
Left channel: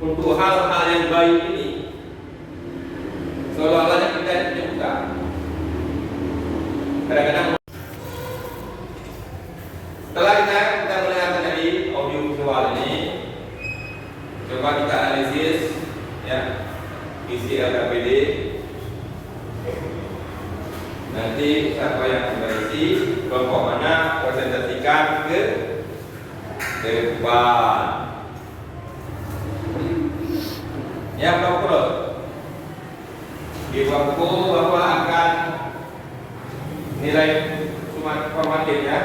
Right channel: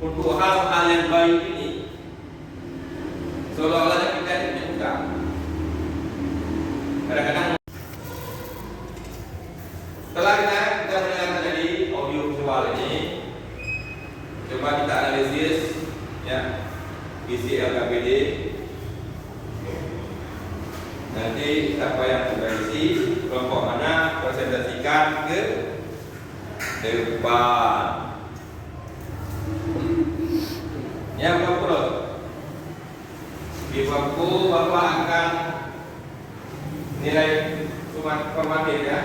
untuk hal-hal yang baik ini, seolah-olahnya kita punya usaha. Kadang-kadang setelah kita mendengarkan tadi audio visual ini, coba kita analisis, ya. KPBD. Nanti siapa yang berisi kelompok mana presentasikan ke depan. Ya, kelompok di waktu Bapak akan nilai formatif ya,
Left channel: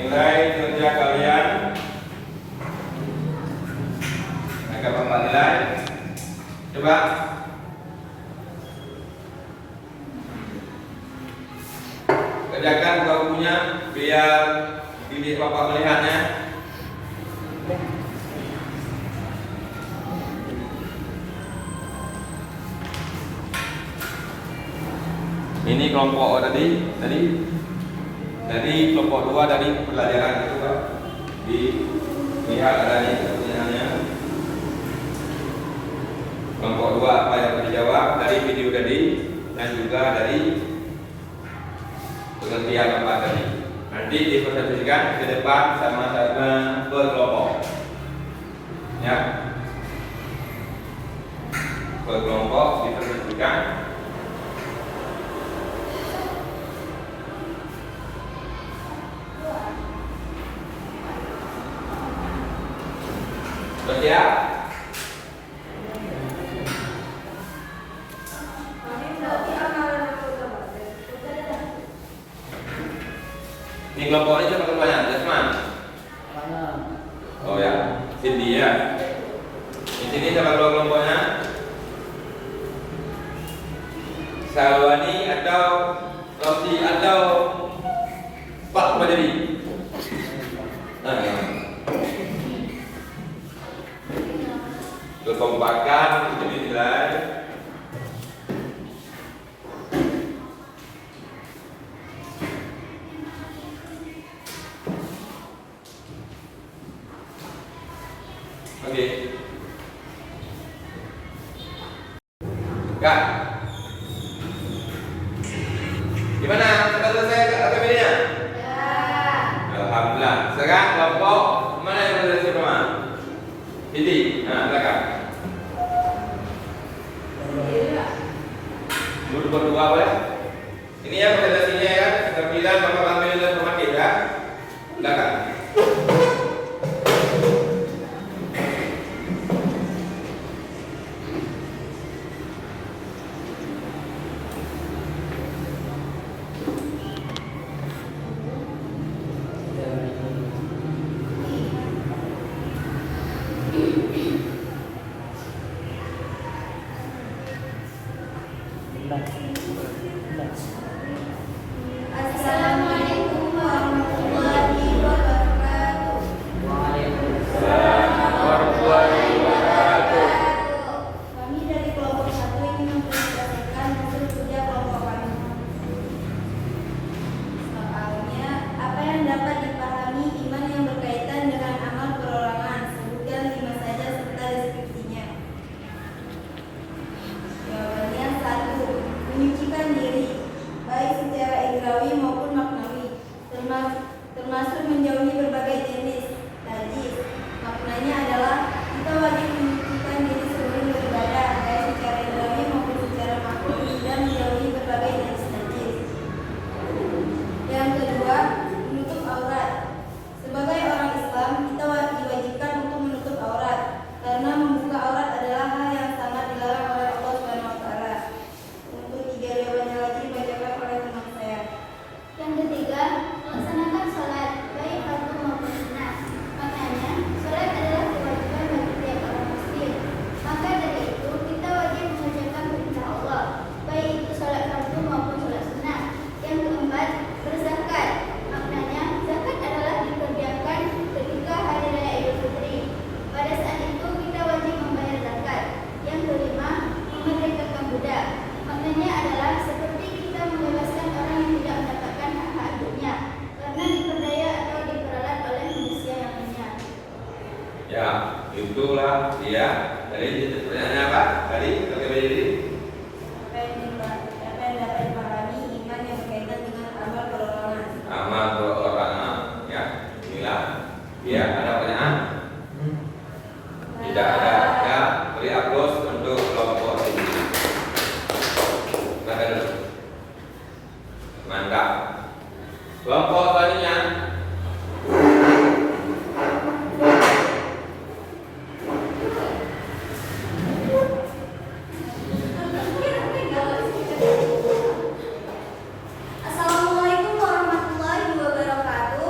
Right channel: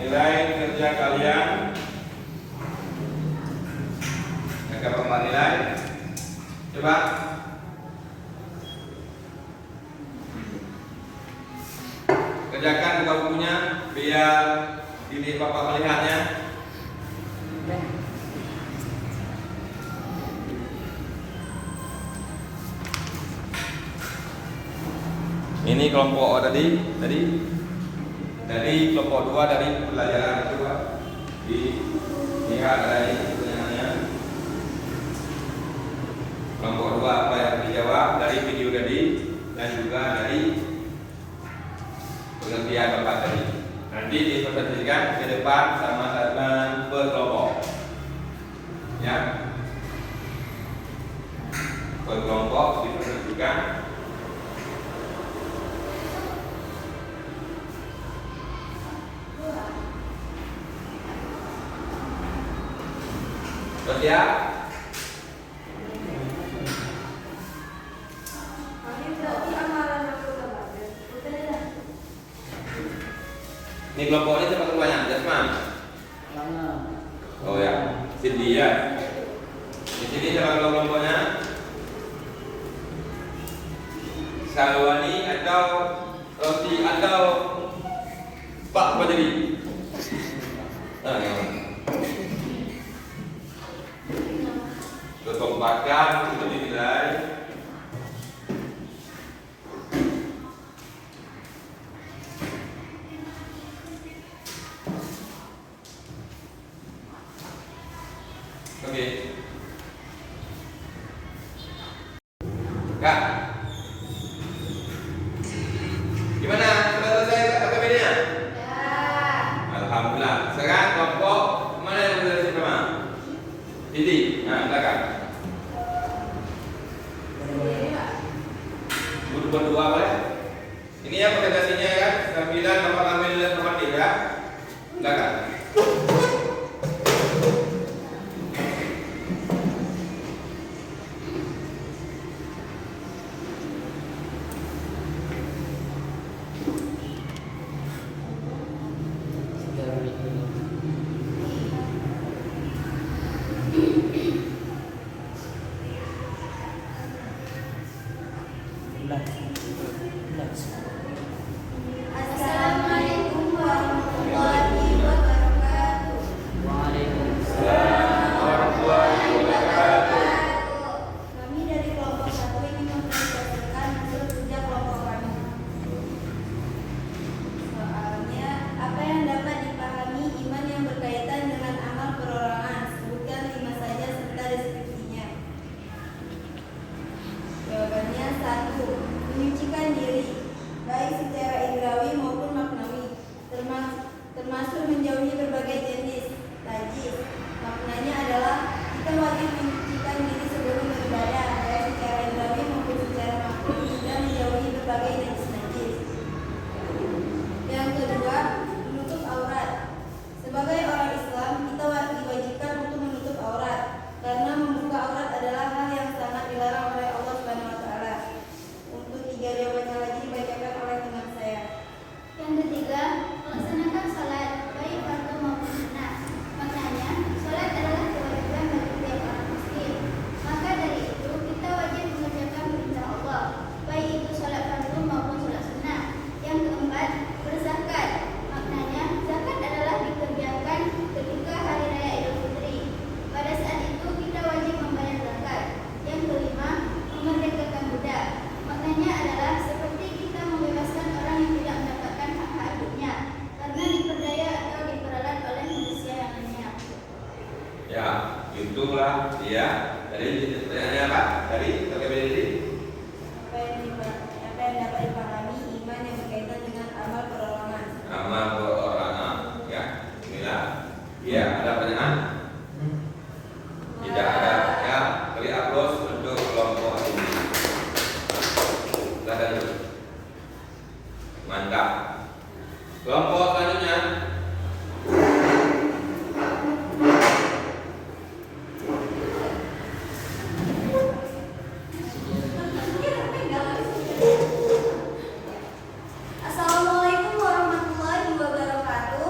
nilai kerja kalian akan Bapak nilai. Coba kerjakan buka bukunya biar bidik Bapak melihatnya. Ini kelompok tadi kelompok 2 dari pelajaran itu Pak. Dilihat dari pertanyaannya. Kelompok 2 apa yang dijawab dari video tadi dan juga dari pengertian Bapak tadi. Nanti dipresentasikan di depan sama-sama berkelompok. Ya. Berkelompok dipresentasikan. Ya. Ini kelompok ini siapa keluarnya? Jasman? Oh ya, Cindy ya. Di sini siapa keluar kelompoknya? Salwani atau Rosti atau Pak Majari? Nah, gimana? Kekompakan itu dinilai. Oke. Kak, gimana? Sudah selesai KPBD-nya? Ya. Alhamdulillah. Sekarang kelompok mana yang berada pertama? Ini. Nah, silakan. Berdua boleh? Ini ya presentasinya ya, sambilan Bapak ambil nilai formatif ya. Silakan. Assalamualaikum warahmatullahi wabarakatuh. Warahmatullahi wabarakatuh. Kami dari kelompok 1 ingin mempresentasikan hasil kerja kelompok kami. Soalnya, apa yang dapat dipahami iman yang berkaitan dengan amal perorangan? Sebutkan 5 saja serta deskripsinya. Jawabannya 1. Menyucikan diri, baik secara indrawi maupun maknawi, termasuk menjauhi berbagai jenis najis. Maknanya adalah kita wajib menyucikan diri sebelum beribadah, baik secara indrawi maupun secara maknawi, dan menjauhi berbagai jenis najis. Yang kedua, menutup aurat. Sebagai orang Islam, kita diwajibkan untuk menutup aurat, karena membuka aurat adalah hal yang sangat dilarang oleh Allah Subhanahu wa taala. Untuk 3 jawabannya lagi dibacakan oleh teman saya. Yang ketiga, melaksanakan sholat, baik fardu maupun sunnah. Maknanya, sholat adalah kewajiban bagi tiap orang muslim. Maka dari itu, kita wajib mengerjakan perintah Allah, baik itu sholat fardu maupun sholat sunnah. Yang keempat, berzakat. Maknanya, zakat adalah dikerjakan ketika hari raya Idul Fitri. Pada saat itu, kita wajib membayar zakat. Yang kelima, memerdekakan budak. Maknanya adalah seperti kita membebaskan orang yang tidak mendapatkan hak-hak hidupnya karena diperdaya atau diperalat oleh manusia yang lainnya. Ya, itulah dia. Dari pertanyaannya apa? Dari KPBD. Apa yang dapat dipahami iman yang berkaitan dengan amal perorangan? Amal perorangan. Ya, inilah. Ya, ada pertanyaan? Tidak ada. Ya, beri aplaus untuk kelompok ini. Mantap. Kelompok selanjutnya. Assalamualaikum warahmatullahi wabarakatuh.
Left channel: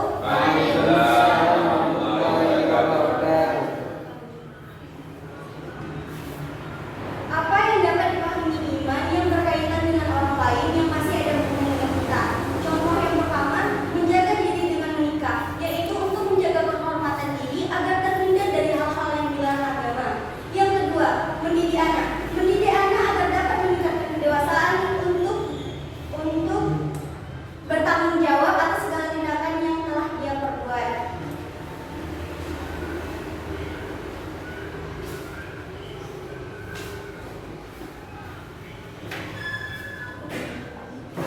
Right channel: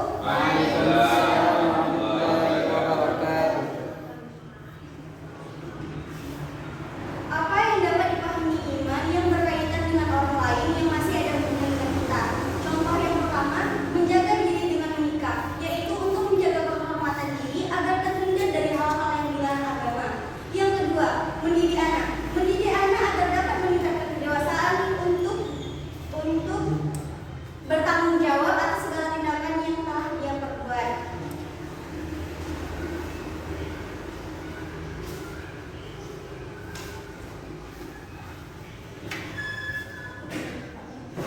Apa yang dapat dipahami iman yang berkaitan dengan orang lain yang masih ada hubungan dengan kita? Contoh yang pertama, menjaga diri dengan menikah, yaitu untuk menjaga kehormatan diri agar terhindar dari hal-hal yang dilarang agama. Yang kedua, mendidik anak. Mendidik anak agar dapat meningkatkan kedewasaan untuk bertanggung jawab atas segala tindakan yang telah dia perbuat.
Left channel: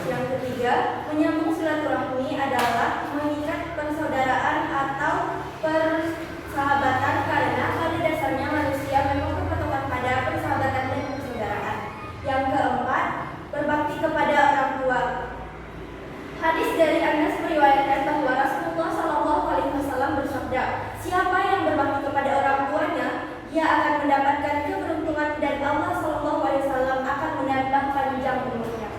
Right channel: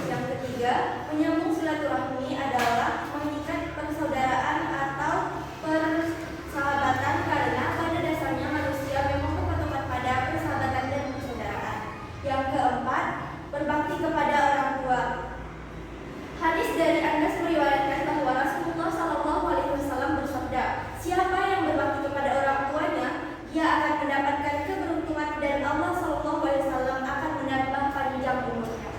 Yang ketiga, menyambung silaturahmi adalah mengikat persaudaraan atau persahabatan karena pada dasarnya manusia memang berpatokan pada persahabatan dan persaudaraan. Yang keempat, berbakti kepada orang tua. Hadis dari Anas meriwayatkan bahwa Rasulullah SAW bersabda, siapa yang berbakti kepada orang tuanya, dia akan mendapatkan keberuntungan dan Allah SAW akan menambah panjang umurnya.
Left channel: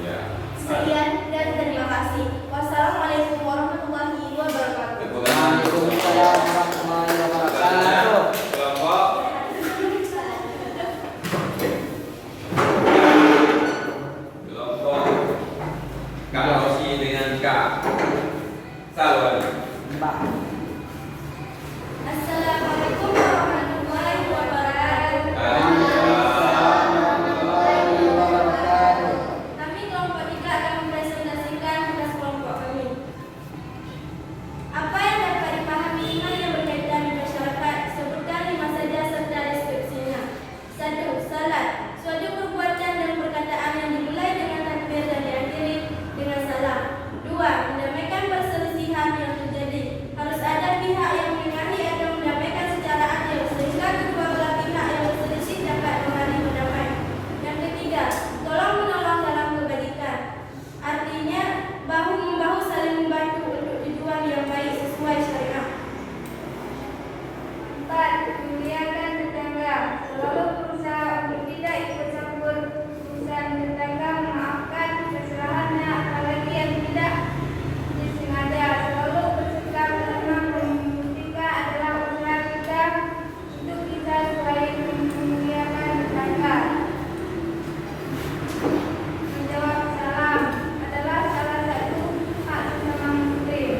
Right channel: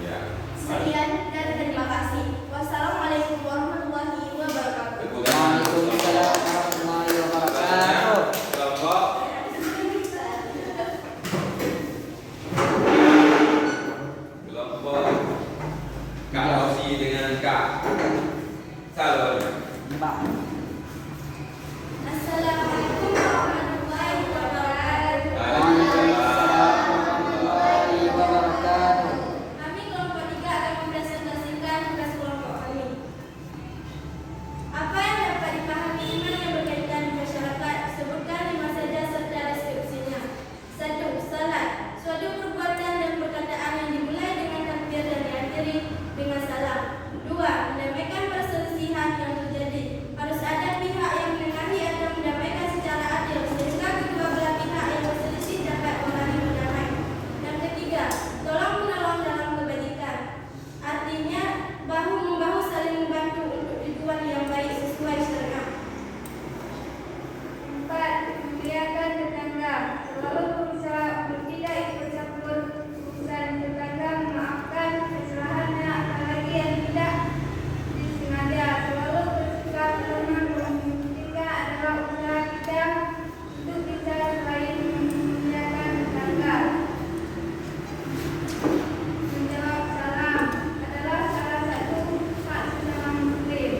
Ya. Sekian dan terima kasih. Wassalamualaikum warahmatullahi wabarakatuh. Waalaikumsalam warahmatullahi wabarakatuh. Kelompok Kak Rosi dengan Kak Salwan. Assalamualaikum warahmatullahi wabarakatuh. Kami kelompok 3 akan mempresentasikan tugas kelompok kami. Apa yang dapat dipahami iman yang berkaitan dengan masyarakat? Sebutkan 5 saja serta deskripsinya. 1. Salat. Suatu perbuatan dan perkataan yang dimulai dengan takbir dan diakhiri dengan salam. 2. Mendamaikan perselisihan yang terjadi. Harus ada pihak yang menengahi atau mendamaikan secara adil sehingga kedua belah pihak yang berselisih dapat kembali berdamai. Yang ketiga, tolong menolong dalam kebaikan. Artinya bahu membahu saling membantu untuk tujuan yang baik sesuai syariat. 4. Memuliakan tetangga. Selalu berusaha untuk tidak ikut campur urusan tetangga, memaafkan kesalahannya apalagi yang tidak disengaja. Selalu bersikap tenang dan ketika adalah usaha kita untuk kita selain memuliakan tetangga. Menjawab salam adalah salah satu hak sesama muslim.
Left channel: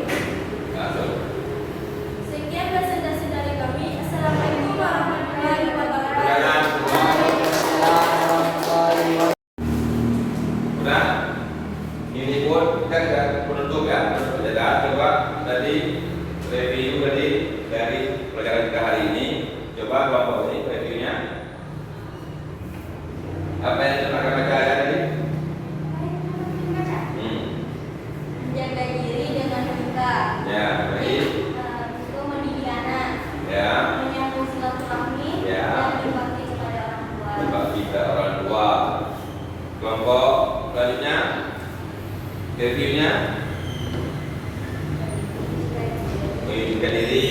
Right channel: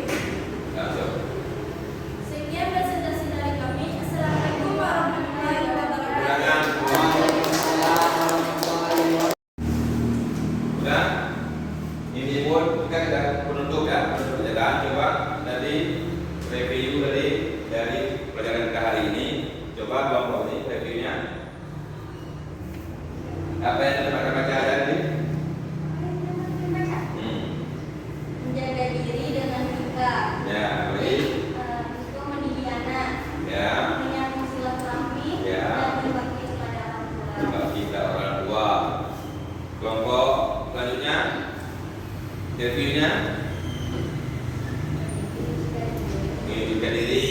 Sekian presentasi dari kami. Assalamualaikum warahmatullahi wabarakatuh. Udah? Ini pun kita sudah penutup ya, penutup penjagaan. Coba tadi review dari pelajaran kita hari ini. Coba kelompok ini reviewnya. Apa yang kita baca tadi? Menjaga diri dengan menikah. Ya, baik. Itu mendidik anak. Ya, Menyambung silaturahmi Ya. dan berbakti kepada orang tua. berbakti kepada orang tua. Kelompok selanjutnya reviewnya menghidupkan diri,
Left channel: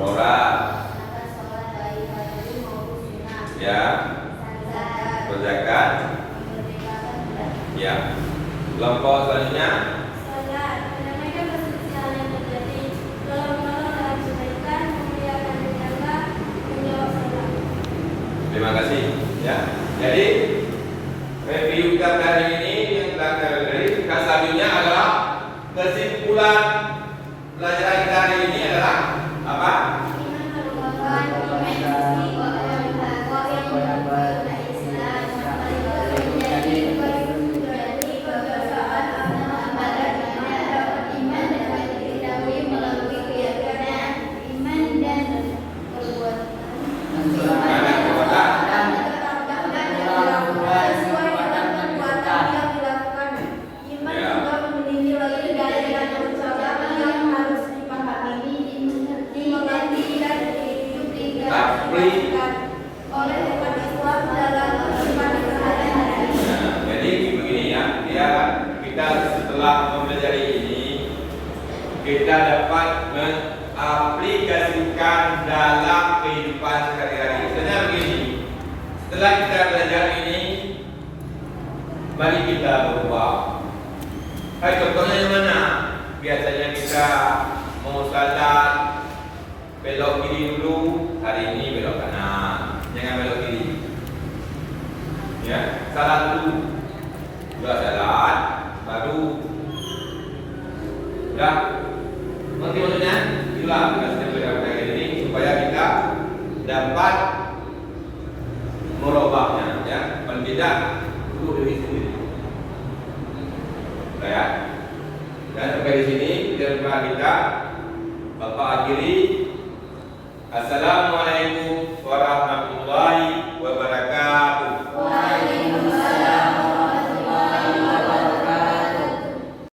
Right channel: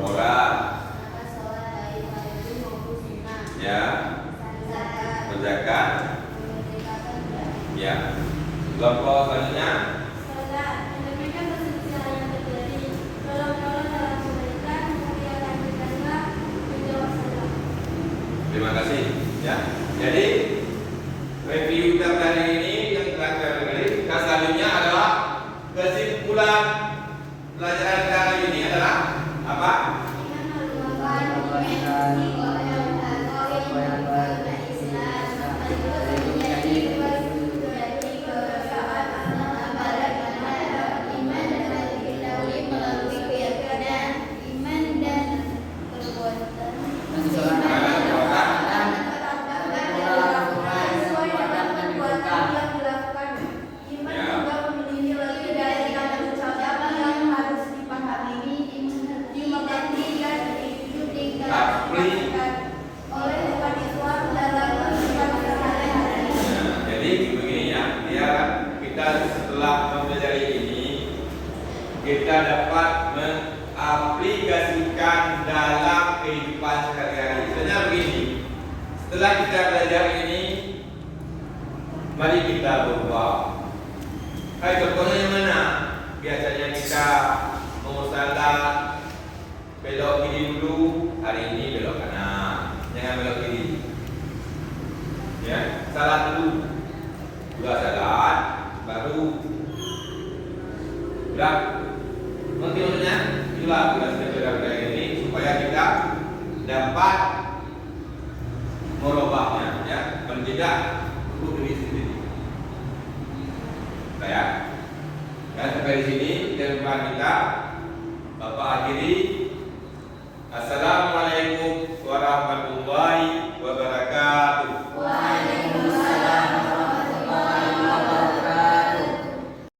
orang, ya, berzakat, ya. Kelompok selanjutnya Salat, mendamaikan perselisihan yang terjadi. Tolong menolong dalam kebaikan, memuliakan tetangga, menjawab salam. terima kasih. Ya, jadi review kita hari ini yang telah kita beri. Selanjutnya adalah kesimpulan pelajaran kita hari ini adalah apa? Iman merupakan dimensi keagamaan Islam, menjadi kebiasaan antara iman dengan diketahui melalui keyakinan, iman dan perbuatan. Sesuai dengan perbuatan yang dilakukan. Iman juga memiliki lagi dari ucapan yang harus dipahami, dimengerti kita dapat mengaplikasikan dalam kehidupan sehari-hari. Sebenarnya begini, setelah kita belajar ini, mari kita berubah. Contohnya yang mana? Biasanya kita mau salat belok kiri dulu, hari ini belok kanan, jangan belok kiri. Ya, salat dulu, sudah salat, baru udah. Nanti maksudnya itulah tugasnya belajar ini supaya kita dapat merubahnya, ya, dan tidak untuk diri sendiri. Ya, dan sampai di sini firman kita Bapak akhiri. Assalamualaikum